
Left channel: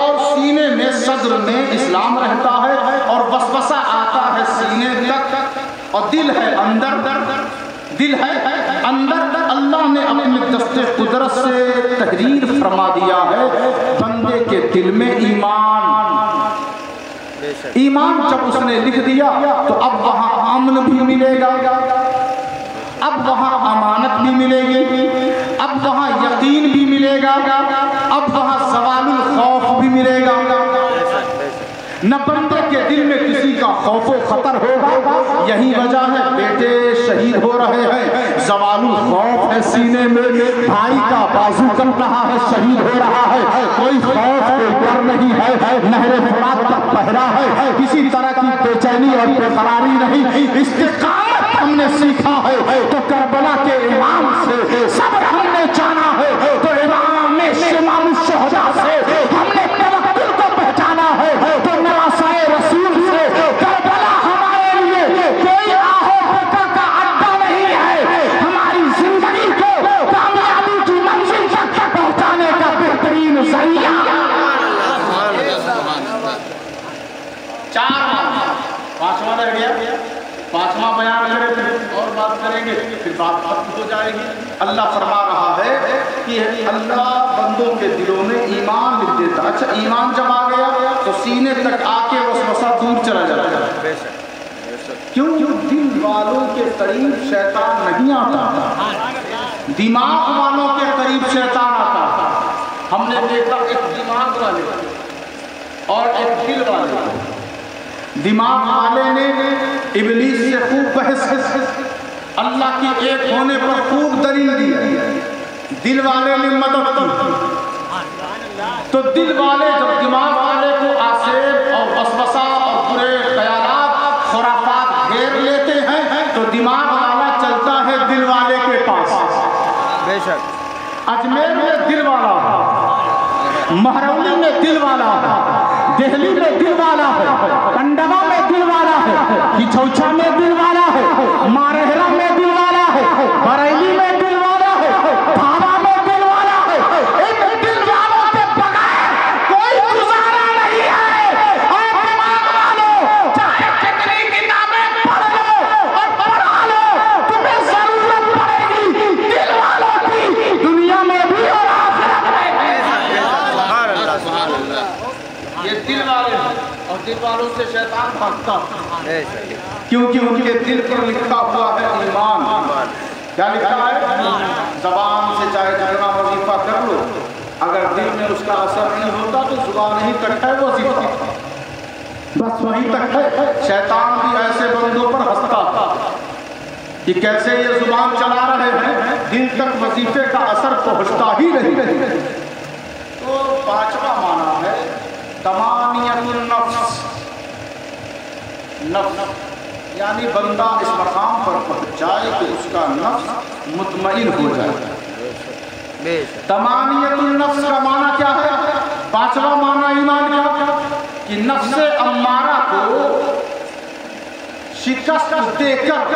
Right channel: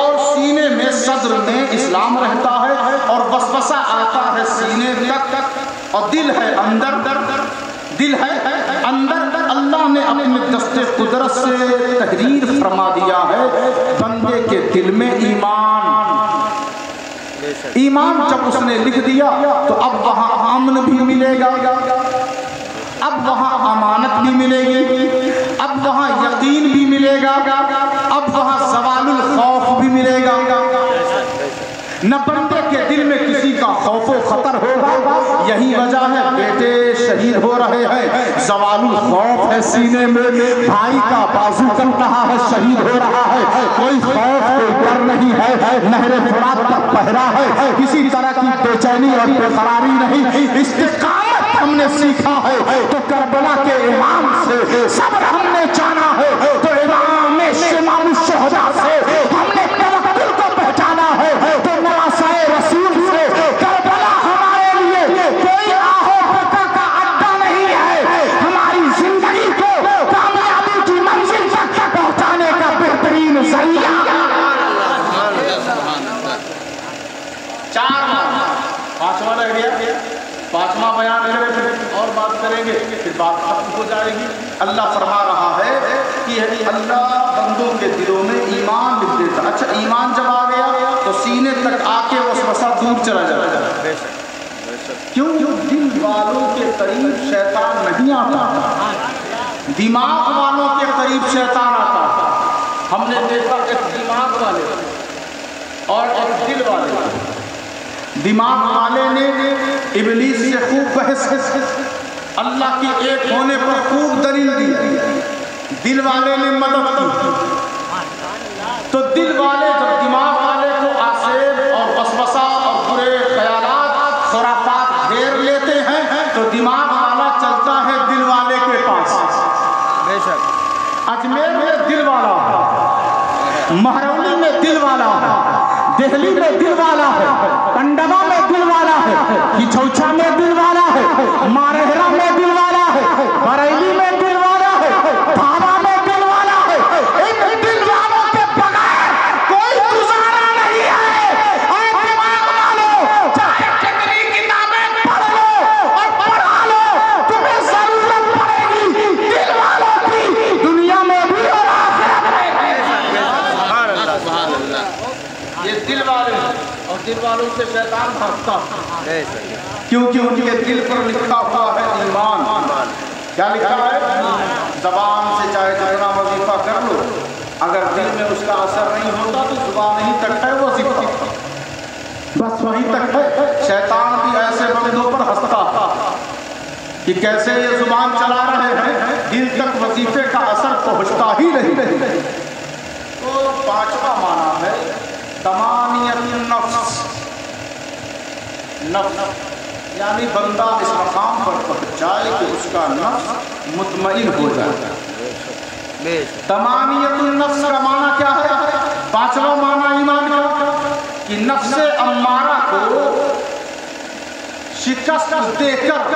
اور سینے میں صدر میں اسلام رہتا ہے، اور وسوسہ آتا ہے سینے تک، اور دل ہے اندر، دل ہے اندر۔ اللہ نے اپنے دست قدرت سے تحریر فرما دیا ہے بندے کے دل میں ایمان جب اس نے لکھ دیا تو اب وہاں امن بھی ملے گا، اب وہاں امانت بھی ملے گی، اب وہاں یقین بھی ملے گا، اب وہاں زوال الخوف بھی ملے گا۔ نہ بندے کے دل میں کسی کا خوف و خطر ہوگا، یہی وجہ ہے بیٹے شہید ہو رہے ہیں، زوال الخوف ہے سینے میں، بھائی کا بازو چل رہا ہے، شہید ہو رہا ہے، کوئی خوف کوئی ڈر نہیں ہے، نہر فرات کا پہرا ہے، کسی طرح کی بے چینی اور بے قراری نہیں، استقامت ہم نے سیکھا ہے، تو کربلا کے امام سے صبر ہم نے جانا ہے، تو امام شمال الشہداء سے ہم نے توکل کو پہچانا ہے، تو نواسائے رسول سے کربلا ہمارے لیے کوئی آہو بکا کا اڈا نہیں ہے، ہماری زندگی کو کامیابی کی منزل تک پہنچانے کا بہترین ذریعہ۔ چار پانچواں رہ گیا، پانچواں بیان کریں پھر اور بات کریں گے، پھر بات ختم ہو جائے گی۔ اللہ فرما رہا ہے کہ اللہ بندوں کے دلوں میں ایمان لکھ دیتا۔ اچھا، ایمان جب آ گیا تو سینے تک آ کے وسوسہ دور چلا جاتا ہے۔ کیوں؟ دل والوں کے قریب شیطان نہیں آتا، دماغ والوں کے قریب شیطان آتا۔ ہم نے دیکھا ایک دماغ والے اور ایک دل والے، دماغ والے نے ابلیس سے خوب بحث، اللہ کے ایک ہونے پر خوب دلیل دی، دل والے نے مدد کی۔ تو دل والے جب دماغ والے کو آسیب اور وسوسہ اور برے خیالات خرافات گھیر لیتے ہیں تو دماغ والا چلتا ہے دل والے کے پاس۔ بے شک اجمیر میں دل والا ہے، مہرولی میں دل والا ہے، دہلی میں دل والا ہے، کنڈلا میں دل والا ہے، ہچوچا میں دل والا ہے، مارہرا میں دل والا ہے، بریلی میں دل والا ہے، بھاوا میں دل والا ہے۔ ان دل والوں کے بغیر کوئی گزارا نہیں ہے۔ اور دماغ والوں چاہے کتنی کتابیں پڑھ لو اور پڑھا لو، تمہیں ضرورت پڑے گی دل والوں کی، دنیا میں بھی اور آخرت میں بھی۔ سبحان اللہ سبحان اللہ۔ یہ دل والے ہیں اور دل والوں سے شیطان بھاگتا بے شک کیونکہ ان کے دل پر لکھا ہوا ہے ایمان۔ کیا لکھا ہے؟ زبان سے چاہے جتنا وظیفہ کر لو، اگر دل میں اس کا اثر نہیں ہوتا تو زبان ہی تک ہے وظیفہ، بس وہیں تک ہے۔ شیطان بھی ایسے بندوں پر ہنستا تھا کہ کیسے یہ زبان چلا رہے ہیں، دل تک وظیفے کا اثر پہنچتا ہی نہیں۔ تو پانچواں معنی ہے تمانیت النفس، نفس یعنی بندہ اس مقام پر پہنچ جائے کہ اس کا نفس مطمئن ہو جائے۔ تمانیت النفس کا معنی کیا ہے؟ پانچواں معنی ایمان کا کہ نفس امارہ کو شکست دے کر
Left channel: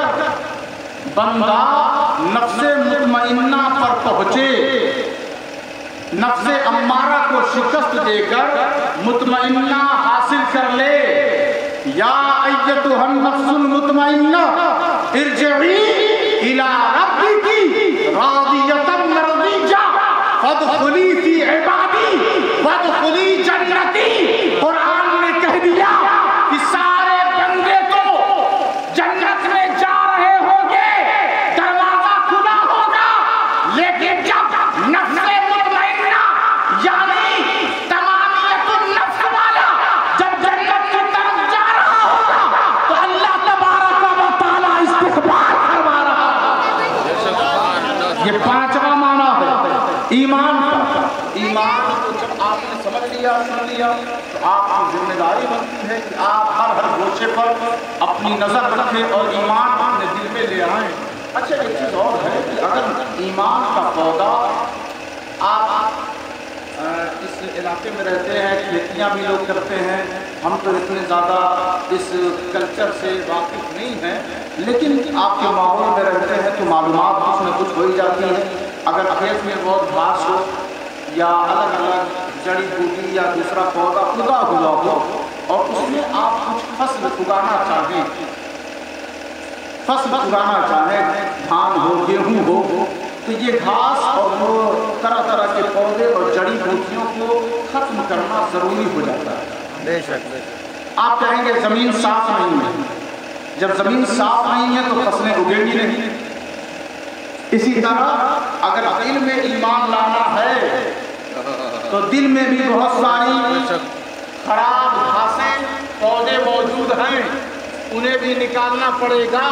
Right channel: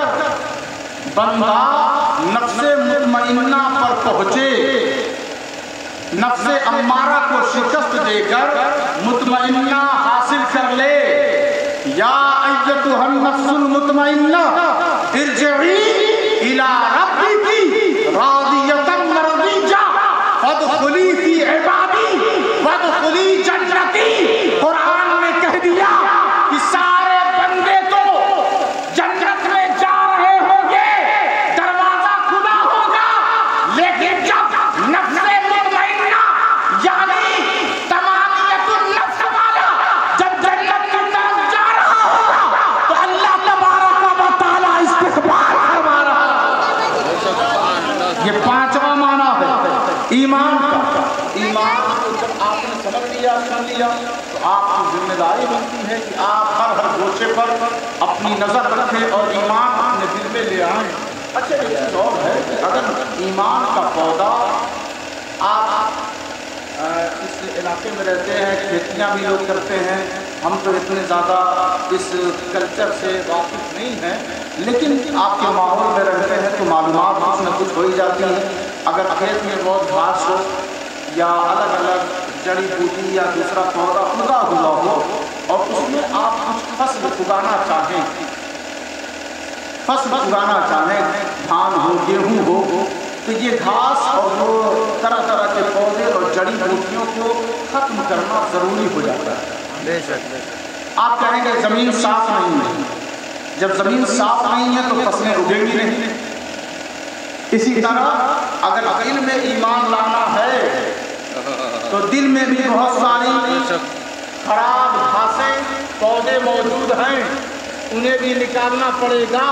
بندہ نفس مطمئنہ پر پہنچے، نفس امارہ کو شکست دے کر مطمئنہ حاصل کر لے۔ یا ایتھا النفس المطمئنہ ارجعی الی ربک راضیۃ مرضیہ فادخلی فی عبادی وادخلی جنتی۔ قرآن نے کہہ دیا کہ سارے بندے تو جنت میں جا رہے ہوں گے، دروازہ کھلا ہوگا، لیکن جب نفس مطمئنہ یعنی تمامیت النفس والا جب جنت کی طرف جا رہا ہوگا تو اللہ تبارک و تعالی استقبال فرما رہا ہے۔ یہ پانچواں معنی ہے ایمان کا۔ ایمان کو جب آپ نے سمجھ لیا، سن لیا، تو آپ کی ذمہ داری بنتی ہے کہ آپ ہر گوشے پر اپنی نظر رکھیں اور ایمان اپنے دل میں لے آئیں۔ اچھا ایک چیز اور ہے کہ اگر ایمان کا پودا، آپ اس علاقے میں رہتے ہیں، کھیتیاں بھی لوگ کرتے ہیں، ہم تو اتنے زیادہ اس کلچر سے واقف نہیں ہیں، لیکن آپ کے ماحول میں رہتے ہیں تو معلومات کچھ نہ کچھ ہو ہی جاتی ہیں۔ اگر کھیت میں بہت گھاس ہو یا الگ الگ جڑی بوٹی یا دوسرا پودا اگا ہوا ہو اور اس میں آپ کچھ فصل اگانا چاہیں، دھان ہو، گیہوں ہو، تو یہ گھاس اور وہ طرح طرح کے پودے اور جڑی بوٹیوں کو ختم کرنا ضروری ہو جاتا ہے۔ بے شک بے شک۔ آپ کہیں گے زمین صاف نہیں ہے، جب زمین صاف نہیں ہے تو فصلیں اگیں گی نہیں۔ اسی طرح اگر دل میں ایمان لانا ہے تو دل میں بھی بہت ساری خراب گھاسیں پودے موجود ہیں، انہیں بھی نکالنا پڑے گا،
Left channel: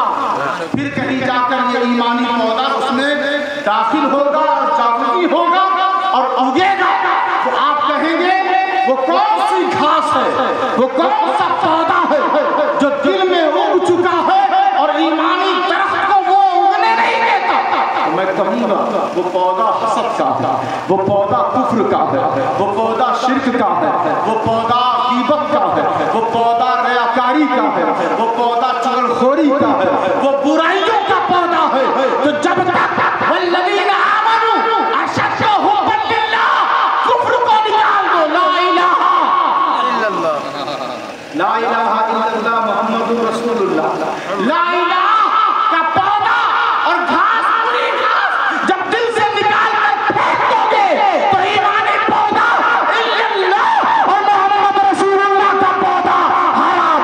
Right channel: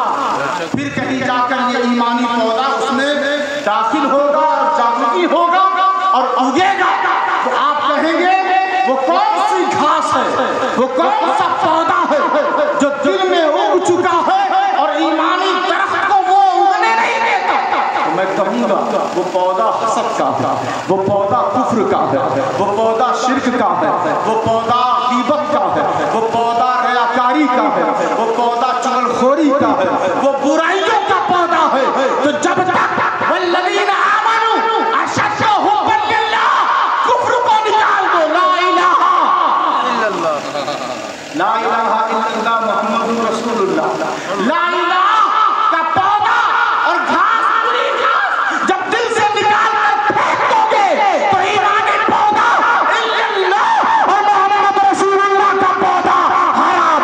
پھر کہیں جا کر یہ ایمانی پودا اس میں داخل ہوگا اور جاگتی ہوگا اور اگے گا۔ تو آپ کہیں گے وہ کون سی گھاس ہے، وہ کون سا پودا ہے جو دل میں اگ چکا ہے اور ایمانی درخت کو وہ اگنے نہیں دیتا؟ میں کہوں گا وہ پودا حسد کا ہے، وہ پودا کفر کا ہے، وہ پودا شرک کا ہے، وہ پودا غیبت کا ہے، وہ پودا ریاکاری کا ہے، وہ پودا چغلخوری کا ہے، وہ برائیوں کا پودا ہے۔ تو جب تک والذین آمنوا اشد حبا للہ، کفر کو نکال دو، لا الہ الا اللہ، لا الہ الا اللہ محمد رسول اللہ، لا الہ کا پودا اور گھاس، پوری گھاس جب دل سے نکال کر پھینک دو گے تو ایمانی پودا الا اللہ اور محمد رسول اللہ کا پودا ہرا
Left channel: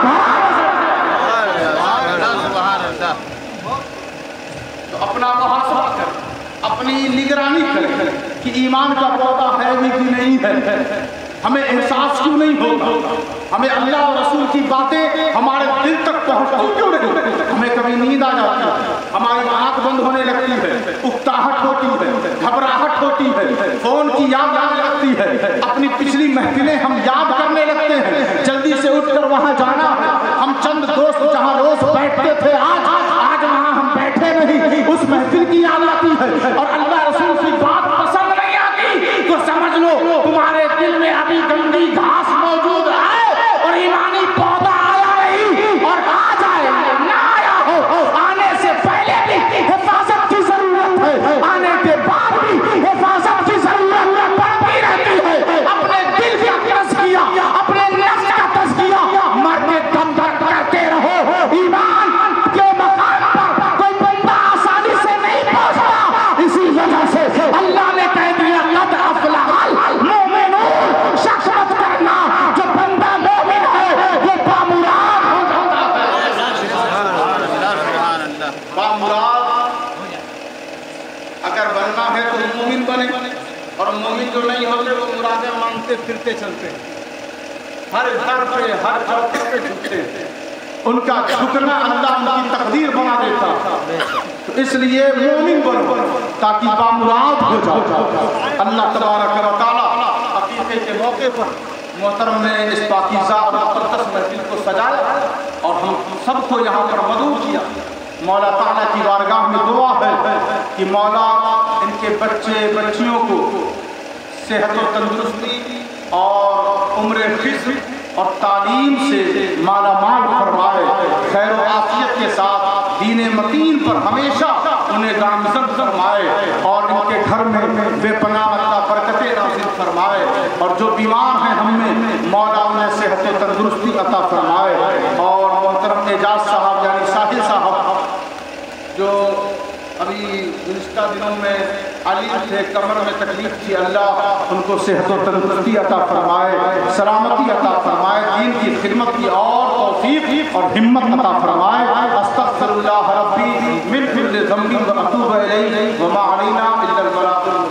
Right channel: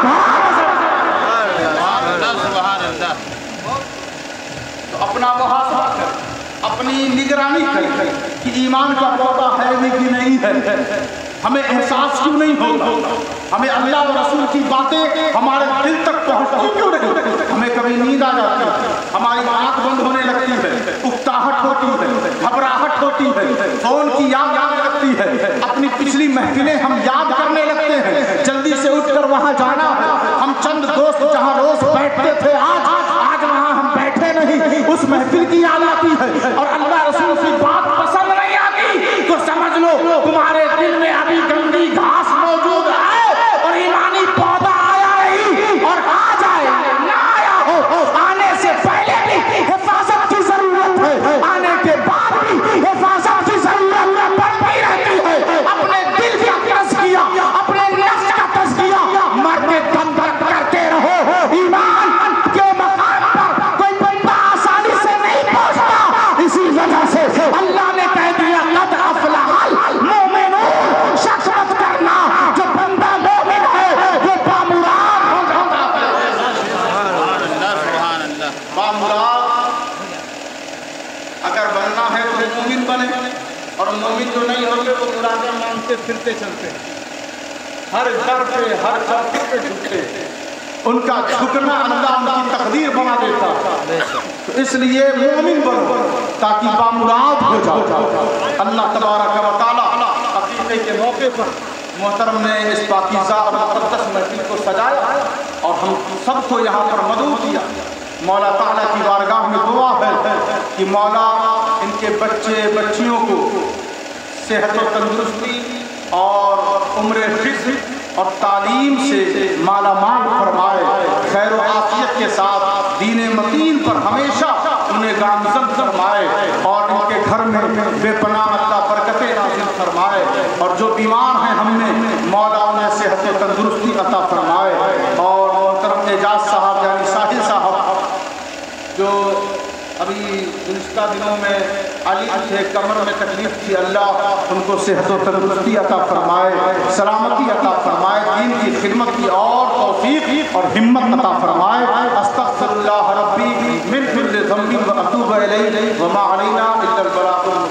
بھرا سبحان اللہ۔ تو اپنا محاسبہ کریں، اپنی نگرانی کریں کہ ایمان کا پودا ہے بھی کہ نہیں ہے، ہمیں احساس کیوں نہیں ہوتا، ہمیں اللہ اور رسول کی باتیں ہمارے دل تک پہنچتی کیوں نہیں؟ ہمیں کبھی نیند آ جاتی ہے، ہماری آنکھ بند ہونے لگتی ہے، اکتاہٹ ہوتی ہے، گھبراہٹ ہوتی ہے، فون کی یاد آنے لگتی ہے، اپنی پچھلی محفلیں ہم یاد کرنے لگتے ہیں، جلدی سے اٹھ کر وہاں جانا ہے، ہم چند دوست جہاں روز بیٹھتے تھے آج وہاں ہم بیٹھے نہیں، اس محفل کی یاد آتی ہے اور اللہ رسول کی بات پسند نہیں آتی تو سمجھ لو تمہارے دل میں ابھی گندی گھاس موجود ہے اور ایمانی پودا آیا نہیں، اور آ جائے نہ آیا ہو، آنے سے پہلے بھی حفاظت کی ضرورت ہے، آنے کے بعد بھی حفاظت کی ضرورت پڑتی رہتی ہے۔ اپنے دل کا تزکیہ، اپنے نفس کا تزکیہ مرنے دم تک کرتے رہو۔ ایمان کے مقام پر کوئی بندہ آسانی سے نہیں پہنچتا، اسی وجہ سے اللہ نے کہہ دیا قد افلح المؤمنون، شک مت کرنا جو بندہ مومن ہے وہ بامراد ہو جاتا ہے۔ سبحان اللہ۔ بامراد اگر بننا ہے تو مومن بنے، اور مومن جو نہیں ہوتے وہ مرادیں مانتے پھرتے چلتے ہیں، ہر گھر پہ ہر چوکٹ پہ جھکتے، ان کا جھکنا اللہ ان کی تقدیر بنا دیتا۔ تو اس لیے مومن بنو تاکہ بامراد ہو جاؤ۔ اللہ تبارک و تعالی عقیقے کے موقع پر محترم نے اس پاکیزہ اور مقدس محفل کو سجایا اور ہم سب کو یہاں پر مدعو کیا۔ مولا تعالیٰ کی بارگاہ میں دعا ہے کہ مولا ان کے بچے بچیوں کو صحت و تندرستی اور عمر خضر اور تعلیم سے مالا مال فرمائے، خیر و عافیت کے ساتھ دین متین پر ہمیشہ انہیں گامزن فرمائے، اور ان کے گھر میں بے پناہ عطا برکتیں نازل فرمائے، اور جو بیمار ہیں ہم میں مولا انہیں صحت و تندرستی عطا فرمائے، اور محترم اعجاز صاحب یعنی ساحل صاحب جو ابھی گزشتہ دنوں میں علی تھے، کمر میں تکلیف تھی، اللہ ان کو صحت و تندرستی عطا فرمائے، سلامتی عطا فرمائے، دین کی خدمت کی اور توفیق اور ہمت عطا فرمائے۔ استغفر اللہ ربی من کل ذنب واتوب الیہ وما علینا الا البلاغ المبین۔